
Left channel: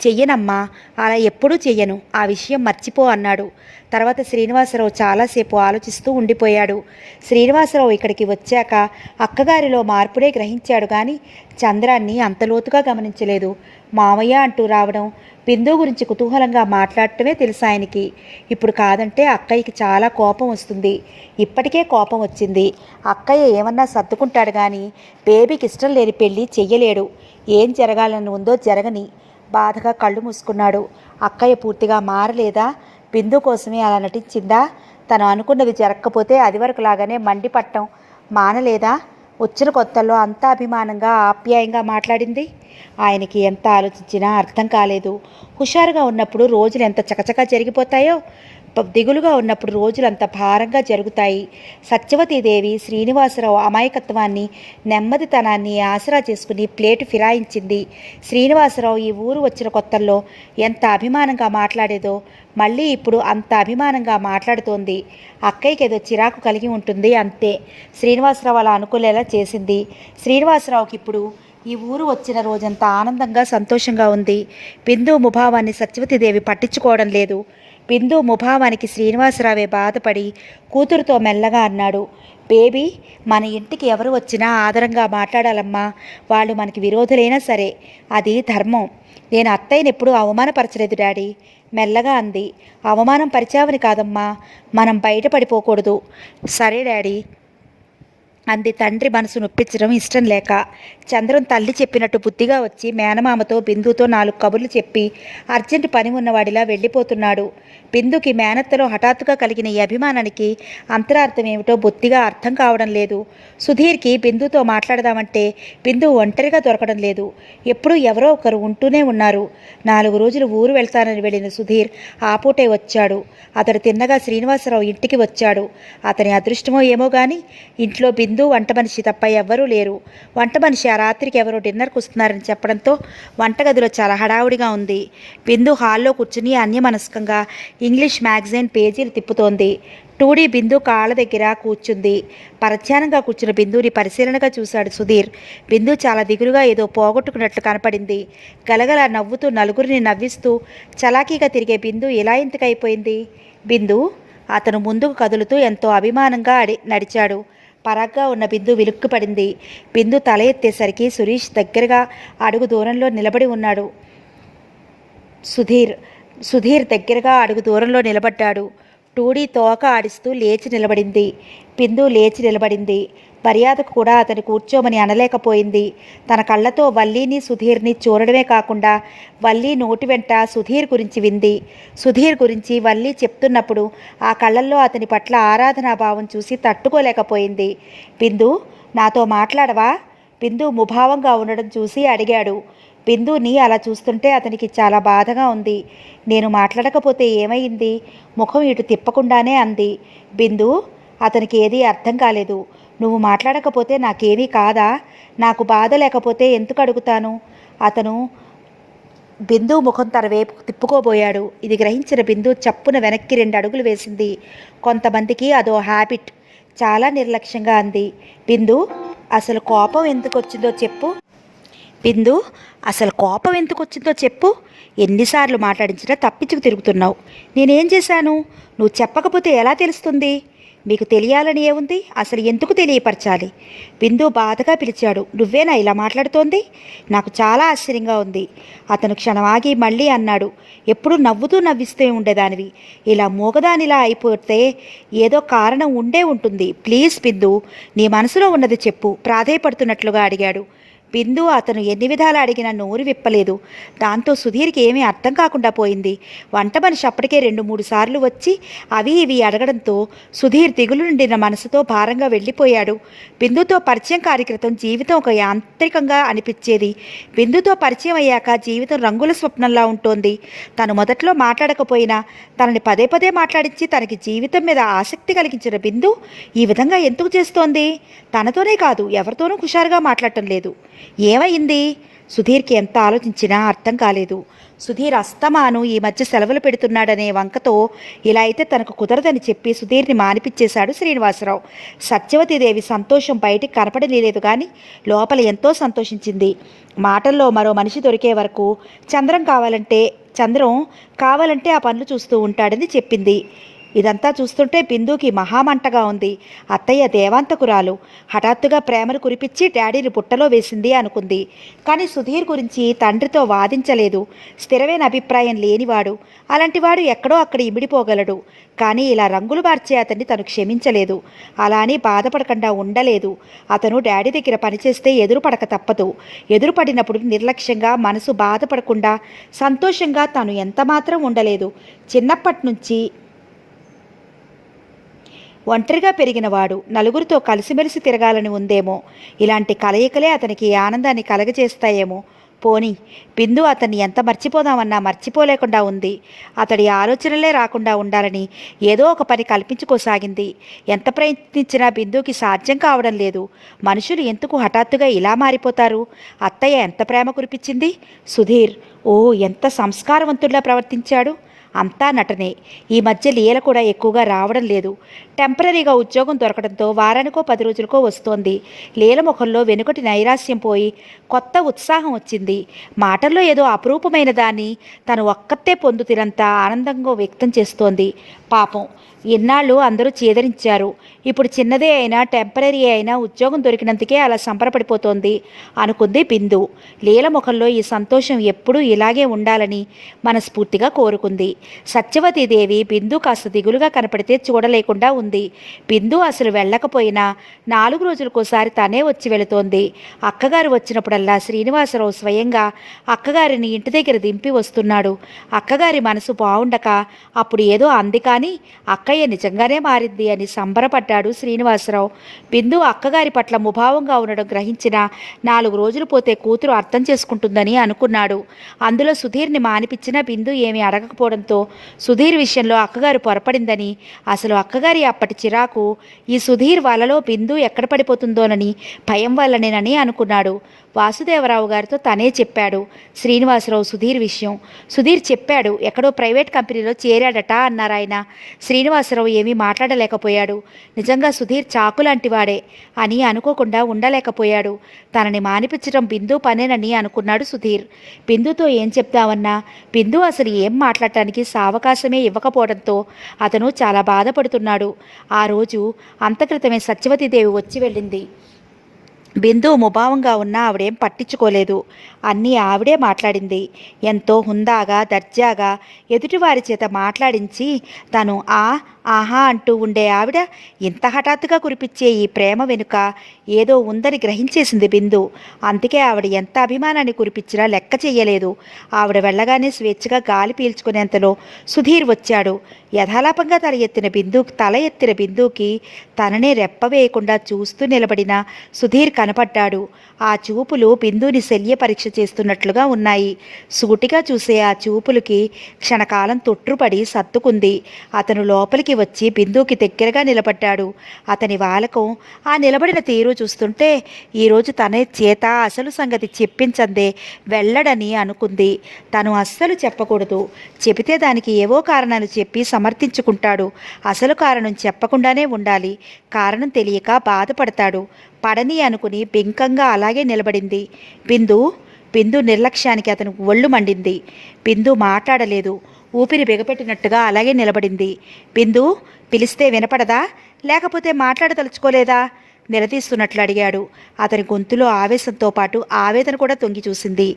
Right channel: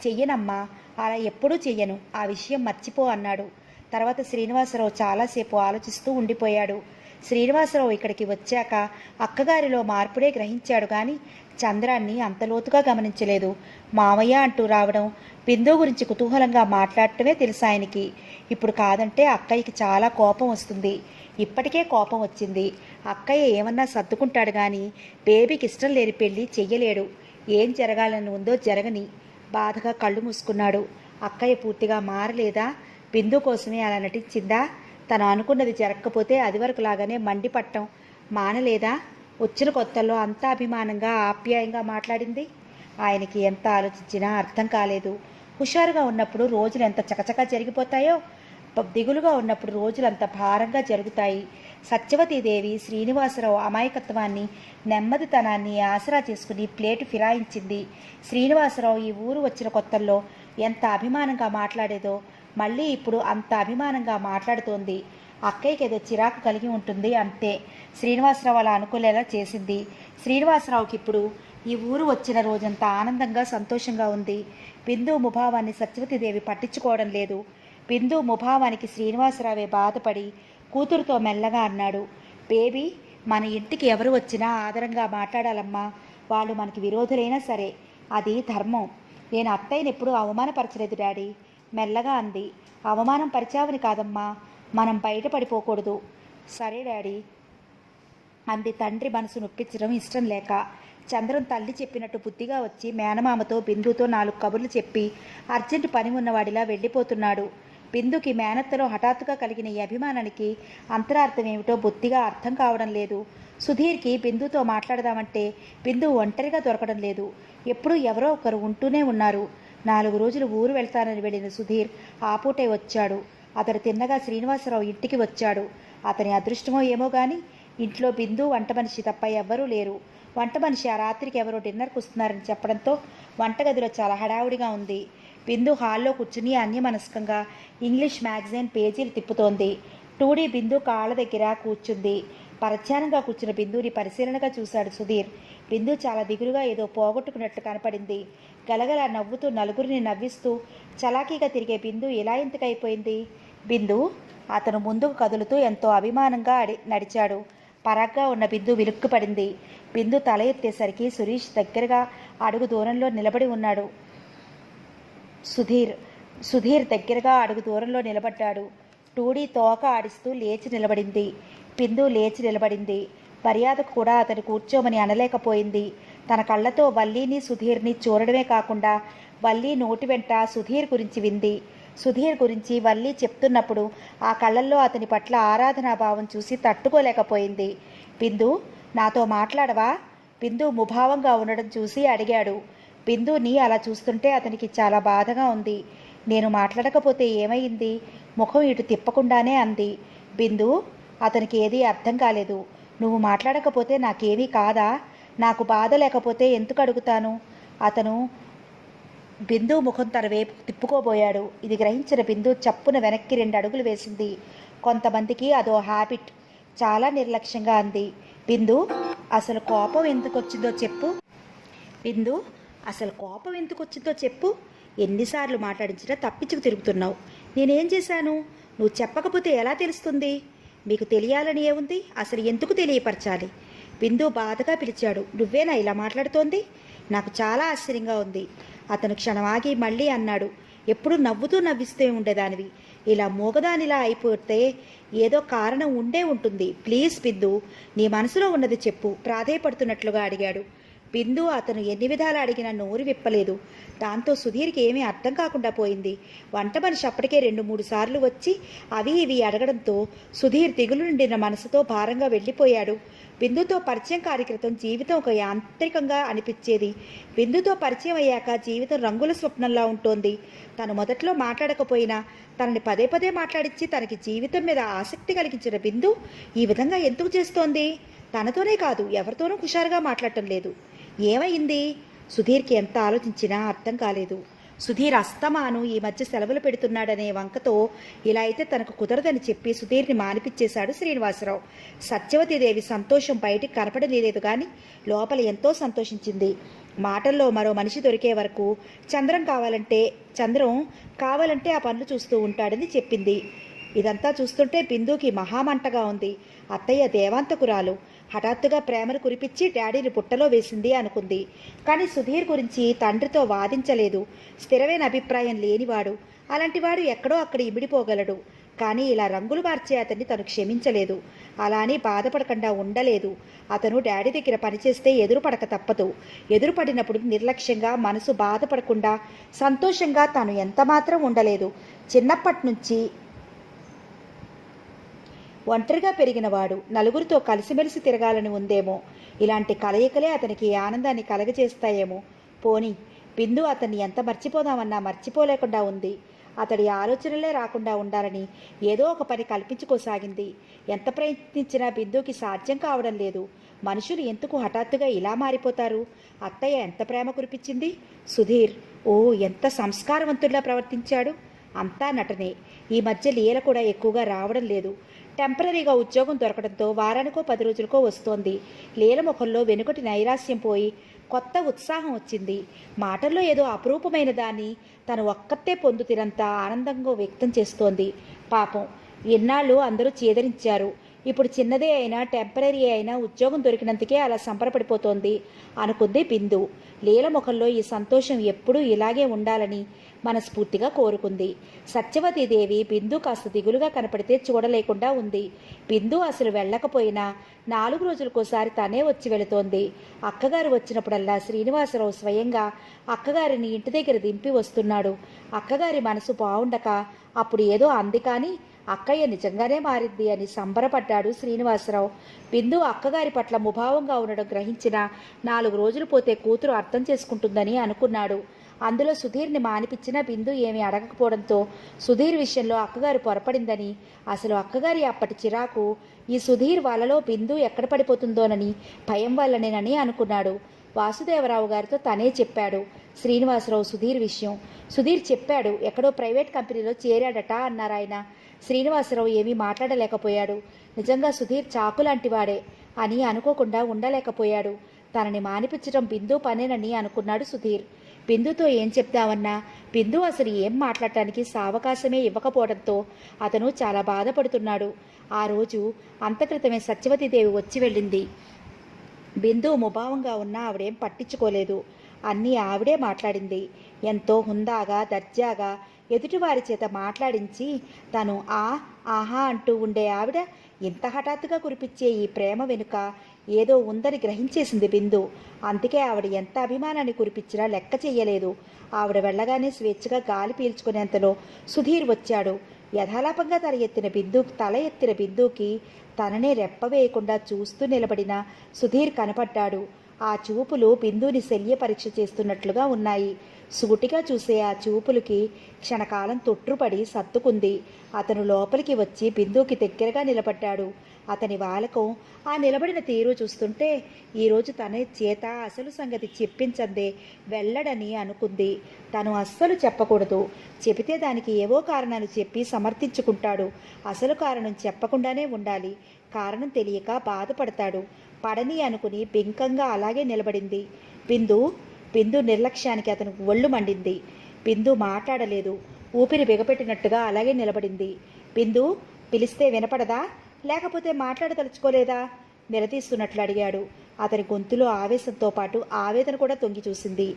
చెయ్యనమ్మా, అలా ఎప్పుడూ చెయ్యను, ఆ విషయం మర్చిపో అన్నాడు. తర్వాత శ్రీనివాసరావు చాలాసేపు ఆలోచిస్తూ ఉండిపోయాడు. శ్రీనివాసరావు ఇక్కడికి వచ్చాక అక్కగారిలో మార్పుడే గ్రహించాడు కానీ చంద్రాన్ని అంత లోతుగా గమనించలేదు. మామయ్య అంటూ రావడం, బిందు గురించి కుతూహలంగా మాట్లాడటమే తెలుసు ఆయనకి. ఇప్పుడు కాదంటే అక్కయ్యకి చాలా కోపం వస్తుంది. ఇప్పటికే కోపం వచ్చింది. అక్కయ్య ఏమన్నా సర్దుకుంటాడు కానీ బేబీకి ఇష్టం లేని పెళ్ళి చెయ్యలేడు. ఏం జరగాలని ఉందో జరగని. బాధగా కళ్ళు మూసుకున్నాడు. అక్కయ్య పూర్తిగా మారలేదా? బిందు కోసమే అలా నటించిందా? తను అనుకున్నది జరగకపోతే అదివరకులాగానే మండిపట్టం మానలేదా? వచ్చిన కొత్తల్లో అంత అభిమానంగా ఆప్యాయంగా మాట్లాడింది. ఆయనకి ఎంత ఆలోచించినా అర్థం కాలేదు. హుషారుగా ఉన్నప్పుడు రోజులు ఎంత చకచకా జరిగిపోతాయో, దిగులుగా ఉన్నప్పుడు రోజులు అంత భారంగా జరుగుతాయి. సత్యవతీదేవి శ్రీనివాసరావు అమాయకత్వాన్ని, నెమ్మదితనాన్ని ఆసరా చేసుకుని ప్లేటు ఫిరాయించింది. శ్రీనివాసరావు ఈ ఊరు వచ్చిన కొత్తల్లో ఎంత అభిమానంగా మాట్లాడేదో మళ్ళీ ఇప్పుడు అంత అభిమానంగా మాట్లాడుతోంది. అక్కయ్యకి ఏదో చిరాకు కలిగి ఉంటుంది అంతే. శ్రీనివాసరావు అలా అనుకునేలా చేసింది. శ్రీనివాసరావుకి ఇప్పుడు ఈ ఊరు వచ్చిన రోజంతా ఆనందంగా సంతోషంగా ఉంది. బిందు ముభావాన్ని సత్యవతీదేవి పట్టించుకోవడం లేదు. బిందు ముభావానికి శ్రీనివాసరావే బాధపడి కూతురుతో మెల్లగా అన్నాడు. బేబీ, మన ఇంటికి ఎవరు వచ్చినా ఆదరంగా మాట్లాడాలమ్మా. వాళ్ళు మనకి విరోధులైనా సరే, అది ధర్మం. నేను అత్తయ్యని ఎప్పుడూ అవమానపరచలేదు డాడీ. మెల్లగా అంది. అవమానం పరిచావని కాదమ్మా, మనం బయటపడిపోకూడదు. సరే డాడీ అంది తండ్రి మనసు నొప్పించడం ఇష్టం లేక. చంద్రం తల్లి చెప్పినట్టు బుద్ధిగా వచ్చి మేనమామతో బిందుతో 4 కబుర్లు చెప్పి అర్జెంటు పని ఉన్నవాడిలా వెళ్ళిపోతున్నాడు. బిందుకి మేనత్తలో హఠాత్తుగా కలిగిన ఈ అభిమానానికి అంతరార్థం ఏమిటో బొత్తిగా అర్థం కావడం లేదు. సుధీర్కి బిందుతో మాట్లాడదామంటే బిందు ఒంటరిగా దొరకడం లేదు. ఎప్పుడూ ఎవరో ఒకరు ఉంటూనే ఉన్నారు. 4 రోజులు ఊరు వెళ్తానని వెళ్ళిన సుధీర్ ఆపూటే వచ్చాడు. అతడు తిన్నగా శ్రీనివాసరావు ఇంటికి వచ్చాడు. అతని అదృష్టమో ఏమో కానీ ఇంట్లో బిందు, వంట మనిషి తప్ప ఎవ్వరూ లేరు. వంట మనిషి ఆ రాత్రికి ఎవరో డిన్నర్కి వస్తున్నారని చెప్పడంతో వంటగదిలో చాలా హడావుడిగా ఉంది. బిందు హాల్లో కూర్చుని అన్యమనస్కంగా ఇంగ్లీష్ మ్యాగజైన్ పేజీలు తిప్పుతోంది. టూడీ బిందు కాళ్ళ దగ్గర కూర్చుంది. పరధ్యానంగా కూర్చున్న బిందుని పరిశీలనగా చూశాడు సుధీర్. బిందు చాలా దిగులుగా ఏదో పోగొట్టుకున్నట్లు కనపడింది. గలగల నవ్వుతూ నలుగురిని నవ్విస్తూ చలాకీగా తిరిగే బిందు ఎలా ఇంతకైపోయింది? బిందు, అతను ముందుకు కదులుతూ ఎంతో అభిమానంగా నడిచాడు. పరాగ్గా ఉన్న బిందు విలుక్కుపడింది. బిందు తల ఎత్తేసరికి సురేష్ దగ్గరగా అడుగు దూరంలో నిలబడి ఉన్నాడు. సుధీర్ దగ్గరగా అడుగు దూరంలో నిలబడ్డాడు. టూడీ తోక ఆడిస్తూ లేచి నిలబడింది. బిందు లేచి నిలబడింది. మర్యాదకు కూడా అతను కూర్చోమని అనలేకపోయింది. తన కళ్ళతో వల్లీని సుధీర్ని చూడడమే కాకుండా వల్లీ నోటి వెంట సుధీర్ గురించి వింది. సుధీర్ గురించి వల్లీ చెప్తున్నప్పుడు ఆ కళ్ళల్లో అతని పట్ల ఆరాధనాభావం చూసి తట్టుకోలేకపోయింది. బిందు, నాతో మాట్లాడవా? బిందు ముభావంగా ఉండడం చూసి అడిగాడు. బిందుని అలా చూస్తుంటే అతనికి చాలా బాధగా ఉంది. నేను మాట్లాడకపోతే ఏమైంది? ముఖం ఇటు తిప్పకుండానే అంది. బిందు, అతనికి ఏదీ అర్థం కాలేదు. నువ్వు మాట్లాడకపోతే నాకేమీ కాదా? నాకు బాధ లేకపోతే ఎందుకు అడుగుతాను? అతను బిందు ముఖం తన వైపు తిప్పుకోబోయాడు. ఇది గ్రహించిన బిందు చప్పున వెనక్కి 2 అడుగులు వేసింది. కొంతమందికి అదో హ్యాబిట్. చాలా నిర్లక్ష్యంగా అంది. బిందు, అసలు కోపం ఎందుకు వచ్చిందో చెప్పు. బిందు, అసలు కోపం ఎందుకు వచ్చిందో చెప్పు. ఎన్నిసార్లు మాట్లాడించినా తప్పించుకు తిరుగుతున్నావు. నేనేం చేశాను? నువ్వు చెప్పకపోతే ఎలా తెలుస్తుంది? మీకు తెలియాలని ఏముంది? అసలు ఎందుకు తెలియపరచాలి? బిందు బాధగా పిలిచాడు. నువ్వేనా ఇలా మాట్లాడుతోంది? నాకు చాలా ఆశ్చర్యంగా ఉంది. అతను క్షణం ఆగి మళ్ళీ అన్నాడు. ఎప్పుడు నవ్వుతూ నవ్విస్తూ ఉండేదానివి. ఇలా మూగదానిలా అయిపోతే ఏదో కారణం ఉండే ఉంటుంది. ప్లీజ్ బిందు, నీ మనసులో ఉన్నది చెప్పు ప్రాధేయపడుతున్నట్లుగా అడిగాడు. బిందు అతను ఎన్ని విధాలు అడిగినా నోరు విప్పలేదు. దాంతో సుధీర్కి ఏమీ అర్థం కాకుండా పోయింది. వంట మనిషి అప్పటికే 2-3 సార్లు వచ్చి అవి ఇవి అడగడంతో సుధీర్ దిగులు నిండిన మనసుతో భారంగా వెళ్ళిపోయాడు. బిందుతో పరిచయం కార్యక్రతం జీవితం ఒక యాంత్రికంగా అనిపించేది. బిందుతో పరిచయం అయ్యాక జీవితం రంగుల స్వప్నంలా ఉంటోంది. తను మొదట్లో మాట్లాడకపోయినా తనని పదే పదే మాట్లాడించి తనకి జీవితం మీద ఆసక్తి కలిగించిన బిందు ఈ విధంగా ఎందుకు చేస్తోంది? తనతోనే కాదు, ఎవరితోనూ హుషారుగా మాట్లాడటం లేదు. ఏమైంది? సుధీర్కి ఎంత ఆలోచించినా అర్థం కాలేదు. సుధీర్ అస్తమాను ఈ మధ్య సెలవులు పెడుతున్నాడనే వంకతో ఇలా అయితే తనకు కుదరదని చెప్పి సుధీర్ని మానిపించేశాడు శ్రీనివాసరావు. సత్యవతీదేవి సంతోషం బయటికి కనపడలేదు, కానీ లోపల ఎంతో సంతోషించింది. మాటల్లో మరో మనిషి దొరికే వరకు చంద్రం కావాలంటే ఆ పనులు చూస్తూ ఉంటాడని చెప్పింది. ఇదంతా చూస్తుంటే బిందుకి మహామంటగా ఉంది. అత్తయ్య దేవాంతకురాలు హఠాత్తుగా ప్రేమను కురిపించి డాడీని పుట్టలో వేసింది అనుకుంది. కానీ సుధీర్ గురించి తండ్రితో వాదించలేదు. స్థిరమైన అభిప్రాయం లేనివాడు. అలాంటివాడు ఎక్కడో అక్కడ ఇమిడిపోగలడు. కానీ ఇలా రంగులు మార్చే అతన్ని తను క్షమించలేదు. అలా అని బాధపడకుండా ఉండలేదు. అతను డాడీ దగ్గర పనిచేస్తే ఎదురుపడక తప్పదు. ఎదురుపడినప్పుడు నిర్లక్ష్యంగా, మనసు బాధపడకుండా సంతోషంగా తాను ఎంతమాత్రం ఉండలేదు. చిన్నప్పటి నుంచి ఒంటరిగా పెరిగినవాడు. నలుగురితో కలిసిమెలిసి తిరగాలని ఉందేమో. ఇలాంటి కలయికలే అతనికి ఆనందాన్ని కలగజేస్తాయేమో. పోనీ బిందు అతన్ని ఎంత మర్చిపోదామన్నా మర్చిపోలేకుండా ఉంది. అతడి ఆలోచనలే రాకుండా ఉండాలని ఏదో ఒక పని కల్పించుకోసాగింది. ఎంత ప్రయత్నించినా బిందుకి సాధ్యం కావడం లేదు. మనుషులు ఎందుకు హఠాత్తుగా ఇలా మారిపోతారు? అత్తయ్య ఎంత ప్రేమ కురిపించింది. సుధీర్ ఎంత సంస్కారవంతుల్లా ప్రవర్తించాడు. అంతా నటనే. ఈ మధ్య లీల కూడా ఎక్కువగా రావడం లేదు. టెంపరీగా ఉద్యోగం దొరకడంతో వారానికో 10 రోజులకో వస్తోంది. లీల ముఖంలో వెనుకటి నైరాస్యం పోయి కొత్త ఉత్సాహం వచ్చింది. మాటల్లో ఏదో అపురూపమైన దాన్ని తను ఒక్కతే పొందుతినంత ఆనందంగా వ్యక్తం చేస్తోంది. పాపం ఇన్నాళ్ళు అందరూ చేదరించారు. ఇప్పుడు చిన్నదే అయినా టెంపరీ అయినా ఉద్యోగం దొరికినందుకే అలా సంబరపడిపోతోంది అనుకుంది బిందు. లీల ముఖంలో ఈ సంతోషం ఎప్పుడూ ఇలాగే ఉండాలని మనస్ఫూర్తిగా కోరుకుంది. సత్యవతీదేవి బిందు కాస్త దిగులుగా కనపడితే చూడలేకుండా ఉంది. బిందు అసలు వెళ్ళకపోయినా 4 రోజులకోసారి తనే వచ్చి వెళుతోంది. అక్కగారు వచ్చినప్పుడల్లా శ్రీనివాసరావు స్వయంగా అక్కగారిని ఇంటి దగ్గర దింపి వస్తున్నాడు. అక్కగారి మనసు బాగుండక అప్పుడు ఏదో అంది, కానీ అక్కయ్య నిజంగానే మారింది అని సంబరపడ్డాడు శ్రీనివాసరావు. బిందు అక్కగారి పట్ల ముభావంగా ఉండడం గ్రహించిన 4 రోజులు పోతే కూతురు అర్థం చేసుకుంటుందని అనుకున్నాడు. అందులో సుధీర్ని మానిపించిన బిందు ఏమీ అడగకపోవడంతో సుధీర్ విషయంలో అక్కగారు పొరపడిందని, అసలు అక్కగారి అప్పటి చిరాకు ఈ సుధీర్ వలలో బిందు ఎక్కడ పడిపోతుందోనని భయం వల్లనేనని అనుకున్నాడు. వాసుదేవరావు గారితో తనే చెప్పాడు శ్రీనివాసరావు సుధీర్ విషయం. సుధీర్ చెప్పాడు, ఎక్కడో ప్రైవేట్ కంపెనీలో చేరాడట అన్నారాయన. శ్రీనివాసరావు ఏమీ మాట్లాడలేకపోయాడు. నిజంగా సుధీర్ చాకులాంటి వాడే అని అనుకోకుండా ఉండలేకపోయాడు. తనని మానిపించడం బిందు పనేనని అనుకున్నాడు సుధీర్. బిందుతో ఏం చెప్దామన్నా బిందు అసలు ఏం మాట్లాడటానికి సావకాశమే ఇవ్వకపోవడంతో అతను చాలా బాధపడుతున్నాడు. ఆ రోజు అంతక్రితమే సత్యవతీదేవి వచ్చి వెళ్ళింది. బిందు ముభావంగా ఉన్నా ఆవిడేం పట్టించుకోలేదు. అన్నీ ఆవిడే మాట్లాడింది. ఎంతో హుందాగా దర్జాగా ఎదుటివారి చేత మాట్లాడించి తను ఆహా అంటూ ఉండే ఆవిడ ఇంత హఠాత్తుగా కురిపించే ఈ ప్రేమ వెనుక ఏదో ఉందని గ్రహించేసింది బిందు. అందుకే ఆవిడ ఎంత అభిమానాన్ని కురిపించినా లెక్క చెయ్యలేదు. ఆవిడ వెళ్ళగానే స్వేచ్ఛగా గాలి పీల్చుకునేంతలో సుధీర్ వచ్చాడు. యథాలాపంగా తల ఎత్తిన బిందుకి తననే రెప్పవేయకుండా చూస్తూ నిలబడిన సుధీర్ కనపడ్డాడు. ఆ చూపులు బిందుని శల్య పరీక్ష చేస్తున్నట్లుగా ఉన్నాయి. సూటిగా చూసే ఆ చూపులకి క్షణకాలం తొట్టుపడి సత్తుకుంది. అతను లోపలికి వచ్చి బిందుకి దగ్గరగా నిలబడ్డాడు. అతని వాలకం, ఆ నిలబడిన తీరు చూస్తుంటే ఈరోజు తన చేత అసలు సంగతి చెప్పించందే వెళ్ళడని అనుకుంది. తను అస్సలు చెప్పకూడదు. చెబితే దానికి ఏవో కారణాలు చెప్పి సమర్థించుకుంటాడు. అసలు కారణం చెప్పకుండానే ఉండాలి. కారణం తెలియక బాధపడతాడు. పడని అనుకుని బింకంగా అలాగే నిలబడింది బిందు నిర్లక్ష్యానికి అతను ఒళ్ళు మండింది. బిందు మాట్లాడలేదు. ఊపిరి బిగపెట్టినట్టుగా అలాగే నిలబడింది. బిందు, పిలిస్తే వినపడదా? లేకపోతే మాట్లాడదలుచుకోలేదా? నిలదీస్తున్నట్లు అడిగాడు. అతని గొంతులో ఆవేశంతో పాటు ఆవేదన కూడా తొంగి చూసింది.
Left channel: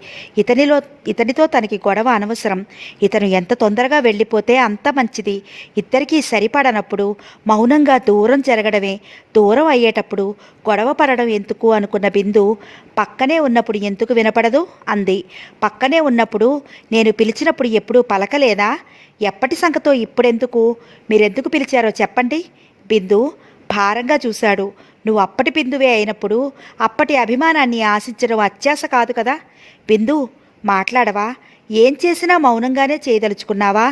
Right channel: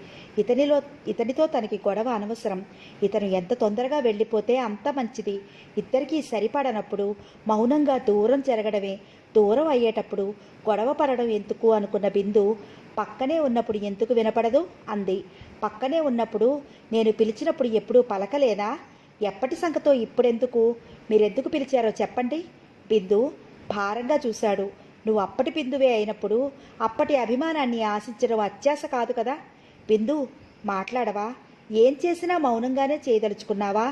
ఇతనితో తనకి గొడవ అనవసరం. ఇతను ఎంత తొందరగా వెళ్ళిపోతే అంత మంచిది. ఇద్దరికీ సరిపడనప్పుడు మౌనంగా దూరం జరగడమే. దూరం అయ్యేటప్పుడు గొడవ పడడం ఎందుకు అనుకున్న బిందు, పక్కనే ఉన్నప్పుడు ఎందుకు వినపడదు అంది. పక్కనే ఉన్నప్పుడు నేను పిలిచినప్పుడు ఎప్పుడూ పలకలేదా? ఎప్పటి సంగతో ఇప్పుడెందుకు? మీరెందుకు పిలిచారో చెప్పండి. బిందు భారంగా చూశాడు. నువ్వు అప్పటి బిందువే అయినప్పుడు అప్పటి అభిమానాన్ని ఆశించడం అత్యాశ కాదు కదా. బిందు మాట్లాడవా? ఏం చేసినా మౌనంగానే చేయదలుచుకున్నావా?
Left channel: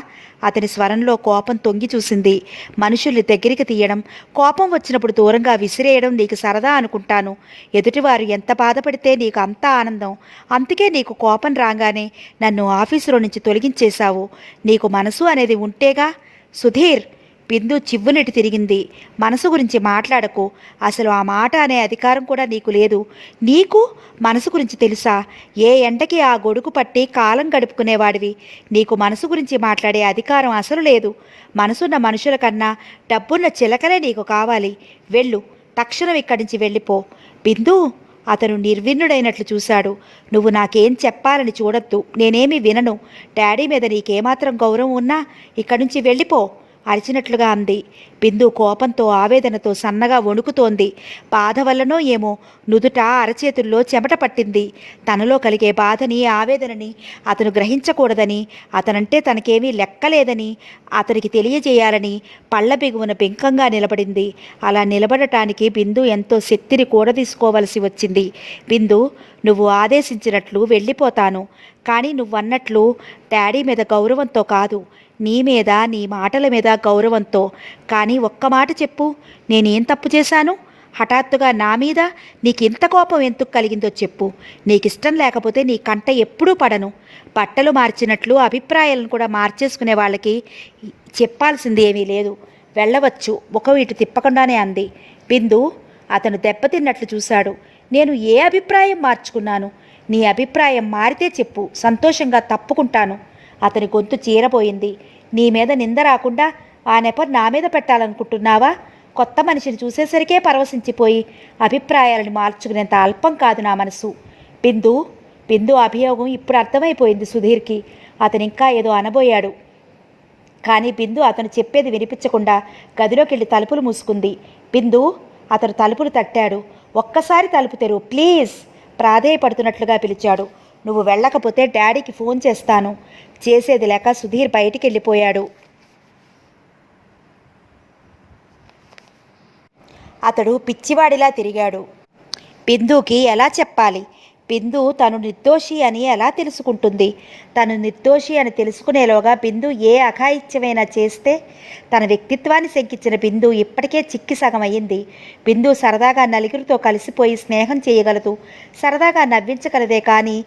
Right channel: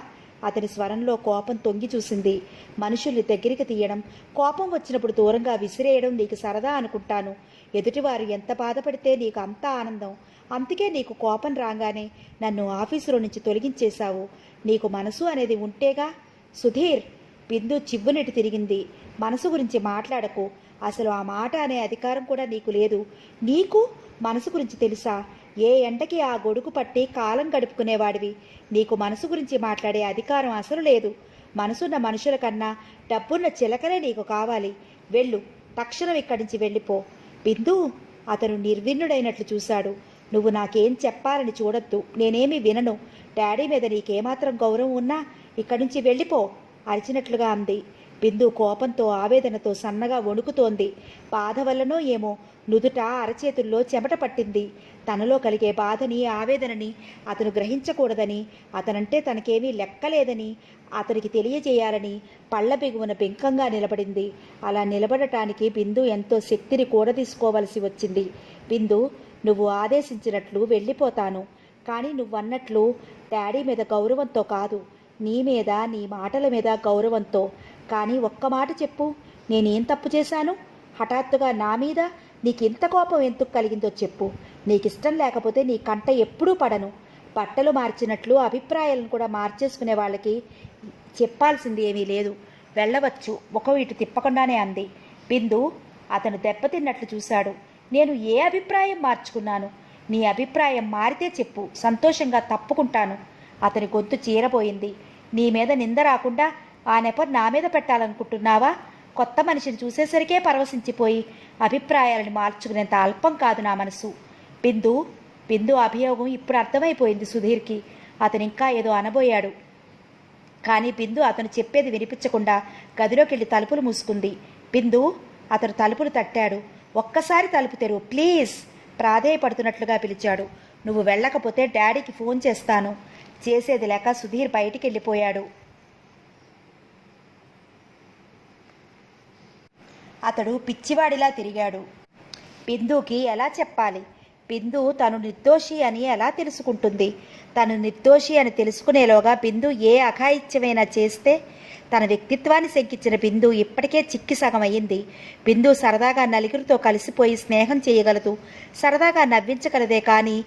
అతని స్వరంలో కోపం తొంగి చూసింది. మనుషుల్ని దగ్గరికి తీయడం, కోపం వచ్చినప్పుడు దూరంగా విసిరేయడం నీకు సరదా అనుకుంటాను. ఎదుటివారు ఎంత బాధపడితే నీకు అంత ఆనందం. అందుకే నీకు కోపం రాగానే నన్ను ఆఫీసులో నుంచి తొలగించేశావు. నీకు మనసు అనేది ఉంటేగా. సుధీర్, బిందు చివ్వునెట్టి తిరిగింది. మనసు గురించి మాట్లాడకు. అసలు ఆ మాట అనే అధికారం కూడా నీకు లేదు. నీకు మనసు గురించి తెలుసా? ఏ ఎండకి ఆ గొడుగు పట్టి కాలం గడుపుకునేవాడివి. నీకు మనసు గురించి మాట్లాడే అధికారం అసలు లేదు. మనసున్న మనుషుల కన్నా డబ్బున్న చిలకలే నీకు కావాలి. వెళ్ళు, తక్షణం ఇక్కడి నుంచి వెళ్ళిపో. బిందు, అతను నిర్విన్నుడైనట్లు చూశాడు. నువ్వు నాకేం చెప్పాలని చూడొద్దు. నేనేమీ వినను. డాడీ మీద నీకేమాత్రం గౌరవం ఉన్నా ఇక్కడి నుంచి వెళ్ళిపో అరిచినట్లుగా అంది. బిందు కోపంతో ఆవేదనతో సన్నగా వణుకుతోంది. బాధ వల్లనో ఏమో నుదుట అరచేతుల్లో చెమట పట్టింది. తనలో కలిగే బాధని ఆవేదనని అతను గ్రహించకూడదని, అతనంటే తనకేమీ లెక్కలేదని అతనికి తెలియజేయాలని పళ్ళ బిగువున బెంకంగా నిలబడింది. అలా నిలబడటానికి బిందు ఎంతో శక్తిని కూడదీసుకోవలసి వచ్చింది. బిందు, నువ్వు ఆదేశించినట్లు వెళ్ళిపోతాను. కానీ నువ్వన్నట్లు డాడీ మీద గౌరవంతో కాదు, నీ మీద, నీ మాటల మీద గౌరవంతో. కానీ ఒక్క మాట చెప్పు, నేనేం తప్పు చేశాను? హఠాత్తుగా నా మీద నీకింత కోపం ఎందుకు కలిగిందో చెప్పు. నీకిష్టం లేకపోతే నీ కంట ఎప్పుడూ పడను. బట్టలు మార్చినట్లు అభిప్రాయాలను కూడా మార్చేసుకునే వాళ్ళకి చెప్పాల్సింది ఏమీ లేదు. వెళ్ళవచ్చు, ముఖం ఇటు తిప్పకుండానే అంది. బిందు అతను దెబ్బతిన్నట్లు చూశాడు. నేను ఏ అభిప్రాయం మార్చుకున్నాను? నీ అభిప్రాయం మారితే చెప్పు, సంతోషంగా తప్పుకుంటాను. అతని గొంతు చీరబోయింది. నీ మీద నింద రాకుండా ఆ నెప నా మీద పెట్టాలనుకుంటున్నావా? కొత్త మనిషిని చూసేసరికే పరవశించిపోయి అభిప్రాయాలను మార్చుకునేంత అల్పం కాదు నా మనసు. బిందు అభియోగం ఇప్పుడు అర్థమైపోయింది సుధీర్కి. అతను ఇంకా ఏదో అనబోయాడు. కానీ బిందు అతను చెప్పేది వినిపించకుండా గదిలోకి వెళ్ళి తలుపులు మూసుకుంది. బిందు, అతను తలుపులు తట్టాడు. ఒక్కసారి తలుపు తెరువు ప్లీజ్, ప్రాధేయపడుతున్నట్లుగా పిలిచాడు. నువ్వు వెళ్ళకపోతే డాడీకి ఫోన్ చేస్తాను. చేసేది లేక సుధీర్ బయటికి వెళ్ళిపోయాడు. అతడు పిచ్చివాడిలా తిరిగాడు. బిందుకి ఎలా చెప్పాలి? బిందు తను నిర్దోషి అని ఎలా తెలుసుకుంటుంది? తను నిర్దోషి అని తెలుసుకునేలోగా బిందు ఏ అఘాయిత్యమైనా చేస్తే తన వ్యక్తిత్వాన్ని శంకించిన బిందు ఇప్పటికే చిక్కి సగం అయ్యింది. బిందు సరదాగా నలుగురితో కలిసిపోయి స్నేహం చేయగలదు, సరదాగా నవ్వించగలదే కానీ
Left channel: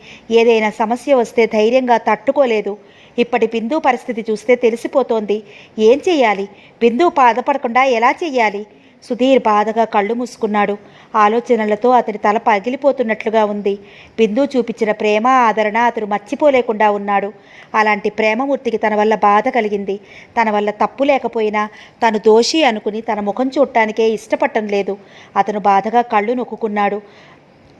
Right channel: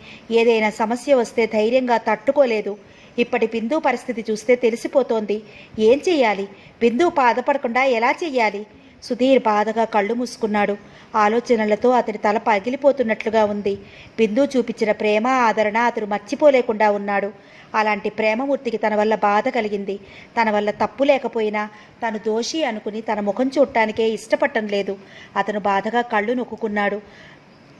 ఏదైనా సమస్య వస్తే ధైర్యంగా తట్టుకోలేదు. ఇప్పటి బిందు పరిస్థితి చూస్తే తెలిసిపోతోంది. ఏం చెయ్యాలి? బిందు బాధపడకుండా ఎలా చెయ్యాలి? సుధీర్ బాధగా కళ్ళు మూసుకున్నాడు. ఆలోచనలతో అతని తల పగిలిపోతున్నట్లుగా ఉంది. బిందు చూపించిన ప్రేమ, ఆదరణ అతను మర్చిపోలేకుండా ఉన్నాడు. అలాంటి ప్రేమమూర్తికి తన వల్ల బాధ కలిగింది. తన వల్ల తప్పు లేకపోయినా తను దోషి అనుకుని తన ముఖం చూడటానికే ఇష్టపడటం లేదు. అతను బాధగా కళ్ళు నొక్కుకున్నాడు.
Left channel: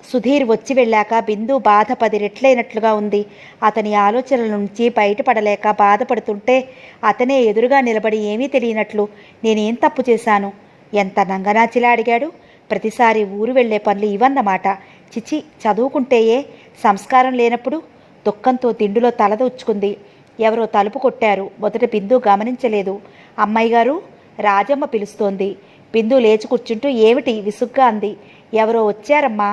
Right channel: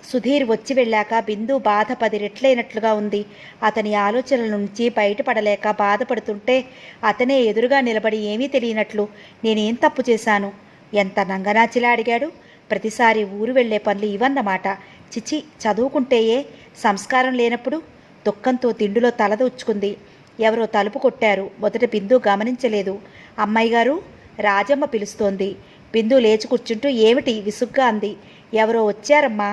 సుధీర్ వచ్చి వెళ్ళాక బిందు బాధ 10 రెట్లైనట్లుగా ఉంది. అతని ఆలోచనల నుంచి బయటపడలేక బాధపడుతుంటే అతనే ఎదురుగా నిలబడి ఏమీ తెలియనట్లు నేనేం తప్పు చేశాను? ఎంత నంగనాచిలా అడిగాడు. ప్రతిసారి ఊరు వెళ్లే పనులు ఇవన్నమాట. చిచి, చదువుకుంటేయే సంస్కారం లేనప్పుడు. దుఃఖంతో తిండిలో తలదూచుకుంది. ఎవరో తలుపు కొట్టారు. మొదట బిందు గమనించలేదు. అమ్మాయి గారు, రాజమ్మ పిలుస్తోంది. బిందు లేచి కూర్చుంటూ ఏమిటి విసుగ్గా అంది. ఎవరో వచ్చారమ్మా.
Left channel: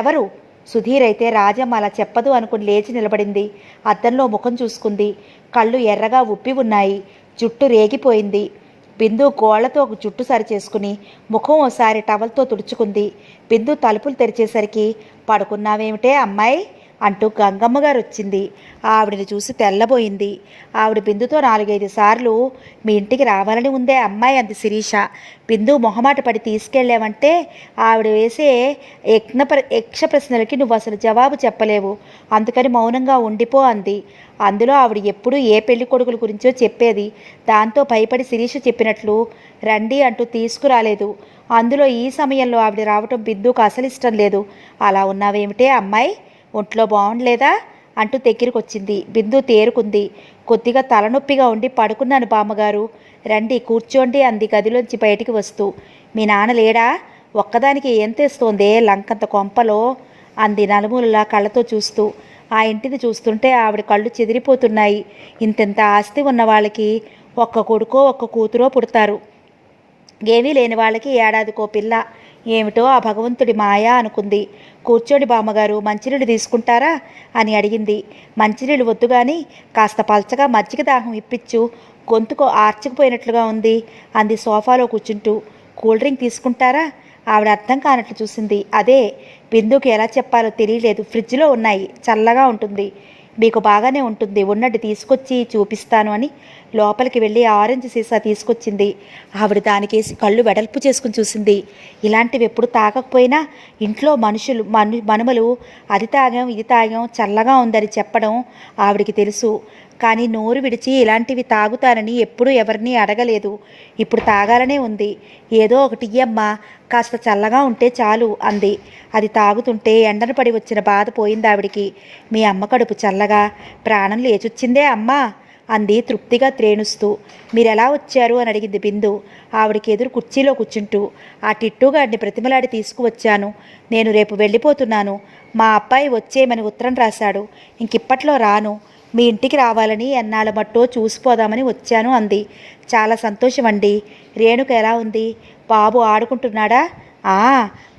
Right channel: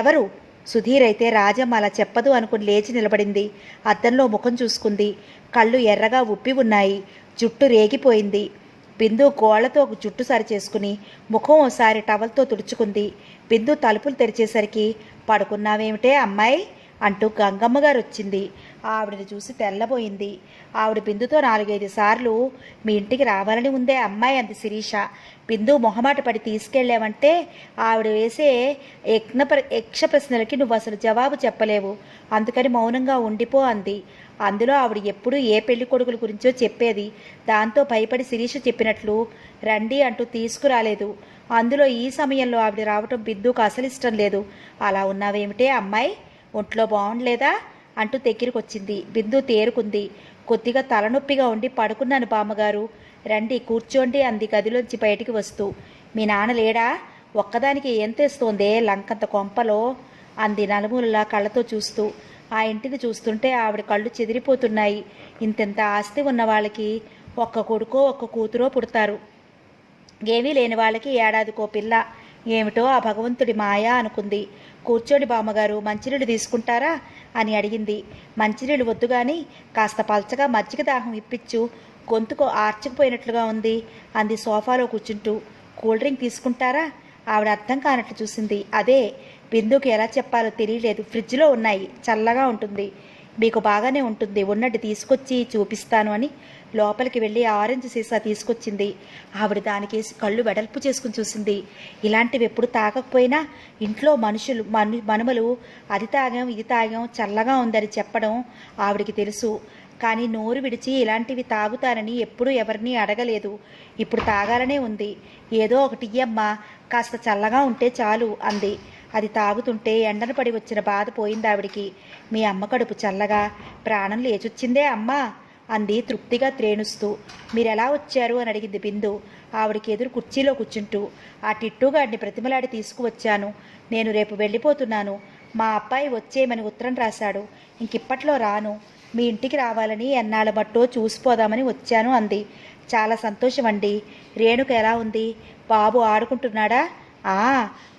ఎవరు? సుధీర్ అయితే రాజమ్మ అలా చెప్పదు అనుకుని లేచి నిలబడింది. అద్దంలో ముఖం చూసుకుంది. కళ్ళు ఎర్రగా ఉప్పి ఉన్నాయి. జుట్టు రేగిపోయింది. బిందు గోళ్లతో జుట్టు సరిచేసుకుని ముఖం ఓసారి టవల్తో తుడుచుకుంది. బిందు తలుపులు తెరిచేసరికి పడుకున్నావేమిటే అమ్మాయి అంటూ గంగమ్మ గారు వచ్చింది. ఆవిడని చూసి తెల్లబోయింది. ఆవిడ బిందుతో 4-5 సార్లు మీ ఇంటికి రావాలని ఉందే అమ్మాయి అంది శిరీష. బిందు మొహమాట పడి తీసుకెళ్ళామంటే ఆవిడ వేసే యక్ష ప్రశ్నలకి నువ్వు అసలు జవాబు చెప్పలేవు, అందుకని మౌనంగా ఉండిపో అంది. అందులో ఆవిడ ఎప్పుడూ ఏ పెళ్లి కొడుకుల గురించో చెప్పేది. దాంతో భయపడి శిరీష చెప్పినట్లు రండి అంటూ తీసుకురాలేదు. అందులో ఈ సమయంలో ఆవిడ రావటం బిందుకు అసలు ఇష్టం లేదు. అలా ఉన్నావేమిటే అమ్మాయి, ఒంట్లో బాగుండలేదా అంటూ దగ్గరికి వచ్చింది. బిందు తేరుకుంది. కొద్దిగా తలనొప్పిగా ఉండి పడుకున్నాను బామ్మగారు, రండి కూర్చోండి అంది గదిలోంచి బయటికి వస్తూ. మీ నాన్న లేడా? ఒక్కదానికి ఏం తెస్తోందే లంకంత కొంపలో అంది నలుమూలలా కళ్ళతో చూస్తూ. ఆ ఇంటిని చూస్తుంటే ఆవిడ కళ్ళు చెదిరిపోతున్నాయి. ఇంతెంత ఆస్తి ఉన్న వాళ్ళకి ఒక్క కొడుకో ఒక్క కూతురో పుడతారు, ఏమీ లేని వాళ్ళకి ఏడాదికో పిల్ల. ఏమిటో ఆ భగవంతుడి మాయా అనుకుంది. కూర్చోండి బామ్మగారు, మంచినీళ్ళు తీసుకుంటారా అని అడిగింది. మంచినీళ్ళు వద్దు కానీ కాస్త పల్చగా మజ్జిగ దాహం ఇప్పించు, గొంతుకు ఆర్చుకుపోయినట్లుగా ఉంది అంది సోఫాలో కూర్చుంటూ. కూల్ డ్రింక్ తీసుకుంటారా? ఆవిడ అర్థం కానట్లు చూసింది. అదే బిందుకి ఎలా చెప్పాలో తెలియలేదు. ఫ్రిడ్జ్లో ఉన్నాయి, చల్లగా ఉంటుంది, మీకు బాగానే ఉంటుంది, ఉన్నట్టు తీసుకొచ్చి చూపిస్తాను అని లోపలికి వెళ్ళి ఆరెంజ్ సీసా తీసుకొచ్చింది. ఆవిడ దానికేసి కళ్ళు వెడల్పు చేసుకుని చూసింది. ఇలాంటివి ఎప్పుడు తాగకపోయినా ఇంట్లో మనుమలు అది తాగాం ఇది తాగాం చల్లగా ఉందని చెప్పడం ఆవిడికి తెలుసు. కానీ నోరు విడిచి ఇలాంటివి తాగుతానని ఎప్పుడూ ఎవరినీ అడగలేదు. ఇప్పుడు తాగాలనే ఉంది. ఏదో ఒకటి ఇయ్యమ్మా, కాస్త చల్లగా ఉంటే చాలు అంది. అది తాగుతుంటే ఎండన పడి వచ్చిన బాధ పోయింది ఆవిడికి. మీ అమ్మ కడుపు చల్లగా ప్రాణం లేచొచ్చిందే అమ్మా అంది తృప్తిగా త్రేణుస్తూ. మీరెలా వచ్చారు అని అడిగింది బిందు ఆవిడికి ఎదురు కుర్చీలో కూర్చుంటూ. ఆ టిట్టుగాడిని ప్రతిమలాడి తీసుకువచ్చాను. నేను రేపు వెళ్ళిపోతున్నాను. మా అబ్బాయి వచ్చేయమని ఉత్తరం రాశాడు. ఇంకిప్పట్లో రాను. మీ ఇంటికి రావాలని ఎన్నాళ్ళ మట్టో చూసిపోదామని వచ్చాను అంది. చాలా సంతోషం అండి. రేణుక ఎలా ఉంది? బాబు ఆడుకుంటున్నాడా?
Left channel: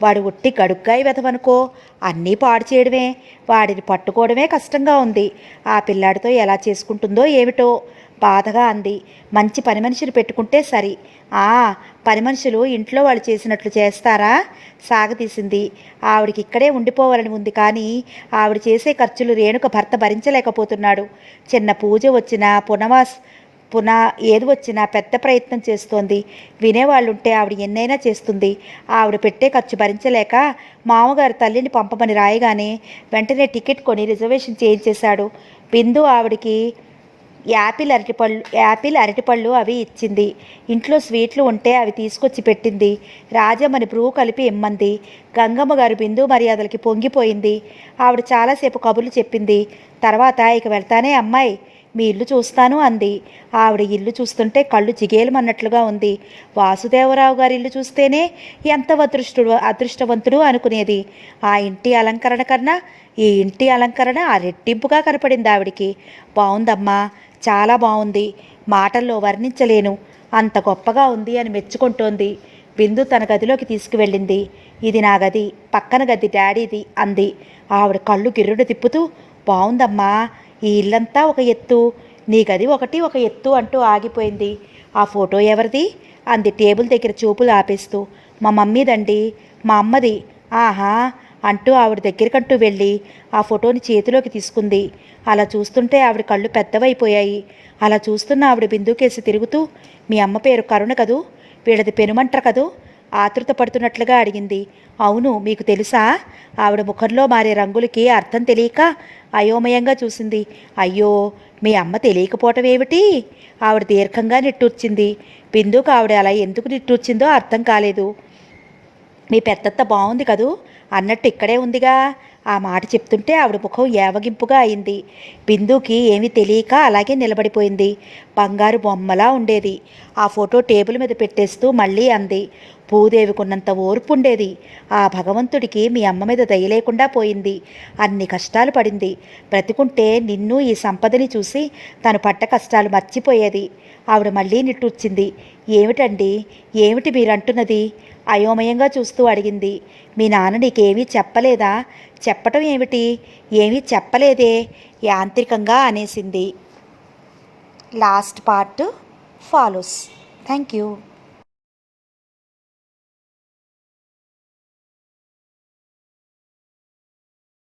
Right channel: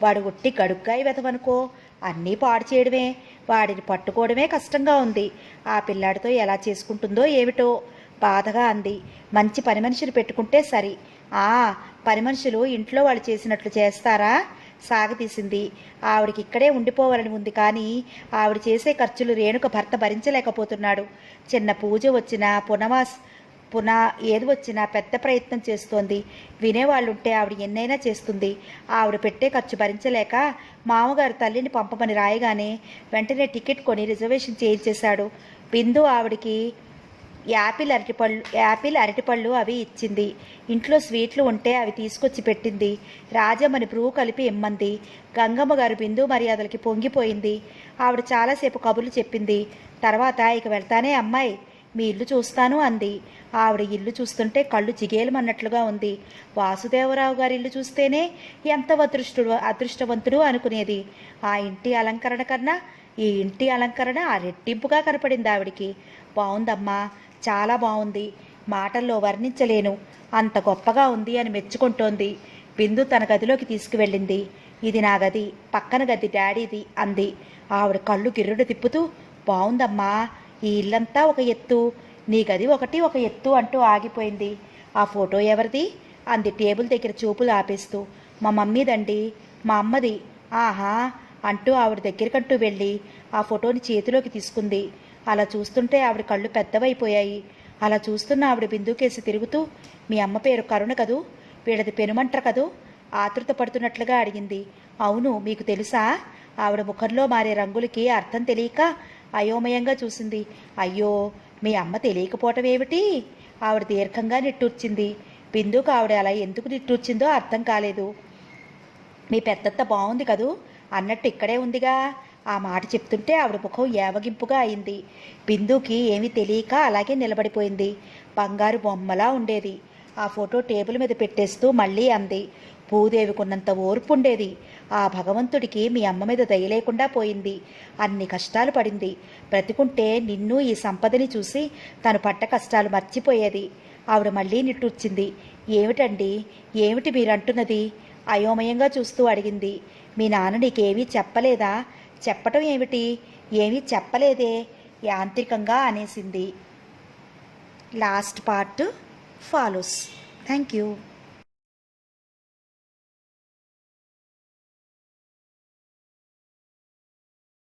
వాడు ఒట్టి గడుగ్గాయి వెతవనుకో, అన్నీ పాడు చేయడమే, వాడిని పట్టుకోవడమే కష్టంగా ఉంది. ఆ పిల్లాడితో ఎలా చేసుకుంటుందో ఏమిటో బాధగా అంది. మంచి పని మనిషిని పెట్టుకుంటే సరి. పని మనుషులు ఇంట్లో వాళ్ళు చేసినట్లు చేస్తారా? సాగతీసింది. ఆవిడికి ఇక్కడే ఉండిపోవాలని ఉంది, కానీ ఆవిడ చేసే ఖర్చులు రేణుక భర్త భరించలేకపోతున్నాడు. చిన్న పూజ వచ్చినా ఏది వచ్చినా పెద్ద ప్రయత్నం చేస్తోంది. వినేవాళ్ళుంటే ఆవిడ ఎన్నైనా చేస్తుంది. ఆవిడ పెట్టే ఖర్చు భరించలేక మామగారు తల్లిని పంపమని రాయగానే వెంటనే టికెట్ కొని రిజర్వేషన్ చేయించేశాడు. బిందు ఆవిడికి యాపిల్ అరటిపళ్ళు అవి ఇచ్చింది. ఇంట్లో స్వీట్లు ఉంటే అవి తీసుకొచ్చి పెట్టింది. రాజమ్మని బ్రూ కలిపి ఇమ్మంది. గంగమ్మ గారు బిందు మర్యాదలకి పొంగిపోయింది. ఆవిడ చాలాసేపు కబుర్లు చెప్పింది. తర్వాత ఇక వెళ్తానే అమ్మాయి, మీ ఇల్లు చూస్తాను అంది. ఆవిడ ఇల్లు చూస్తుంటే కళ్ళు జిగేలమన్నట్లుగా ఉంది. వాసుదేవరావు గారి ఇల్లు చూస్తేనే ఎంత అదృష్టవంతుడు అనుకునేది. ఆ ఇంటి అలంకరణ కన్నా ఈ ఇంటి అలంకరణ ఆ రెట్టింపుగా కనపడింది ఆవిడికి. బాగుందమ్మా, చాలా బాగుంది, మాటల్లో వర్ణించలేను, అంత గొప్పగా ఉంది అని మెచ్చుకుంటోంది. బిందు తన గదిలోకి తీసుకువెళ్ళింది. ఇది నా గది, పక్కన గది డాడీది అంది. ఆవిడ కళ్ళు గిర్రుడు తిప్పుతూ, బాగుందమ్మా, ఈ ఇల్లంతా ఒక ఎత్తు, నీ గది ఒక ఎత్తు అంటూ ఆగిపోయింది. ఆ ఫోటో ఎవరిది అంది టేబుల్ దగ్గర చూపులు ఆపేస్తూ. మా మమ్మీదండి. మా అమ్మది. ఆహా అంటూ ఆవిడ దగ్గరికంటూ వెళ్ళి ఆ ఫోటోని చేతిలోకి తీసుకుంది. అలా చూస్తుంటే ఆవిడ కళ్ళు పెద్దవైపోయాయి. అలా చూస్తున్న ఆవిడ బిందుకేసి తిరుగుతూ, మీ అమ్మ పేరు కరుణ కదూ, వీళ్ళది పెనుమంట్ర కదూ ఆతృత పడుతున్నట్లుగా అడిగింది. అవును, మీకు తెలుసా? ఆవిడ ముఖంలో మారే రంగులకి అర్థం తెలియక అయోమయంగా చూసింది. అయ్యో, మీ అమ్మ తెలియకపోవటం ఏమిటి? ఆవిడ దీర్ఘంగా నిట్టూర్చింది. బిందుకు ఆవిడ అలా ఎందుకు నిట్టూర్చిందో అర్థం కాలేదు. మీ పెద్దత్త బాగుంది కదూ అన్నట్టు ఇక్కడే ఉందిగా. ఆ మాట చెప్తుంటే ఆవిడ ముఖం ఏవగింపుగా అయింది. బిందుకి ఏమీ తెలియక అలాగే నిలబడిపోయింది. బంగారు బొమ్మలా ఉండేది. ఆ ఫోటో టేబుల్ మీద పెట్టేస్తూ మళ్ళీ అంది. భూదేవికున్నంత ఓర్పు ఉండేది. ఆ భగవంతుడికి మీ అమ్మ మీద దయ లేకుండా పోయింది. అన్ని కష్టాలు పడింది. బ్రతికుంటే నిన్ను ఈ సంపదని చూసి తను పడ్డ కష్టాలు మర్చిపోయేది. ఆవిడ మళ్ళీ నిట్టూర్చింది. ఏమిటండి, ఏమిటి మీరంటున్నది? అయోమయంగా చూస్తూ అడిగింది. మీ నాన్న నీకేమీ చెప్పలేదా? చెప్పటం ఏమిటి? ఏమీ చెప్పలేదే యాంత్రికంగా అనేసింది. Last part follows. Thank you.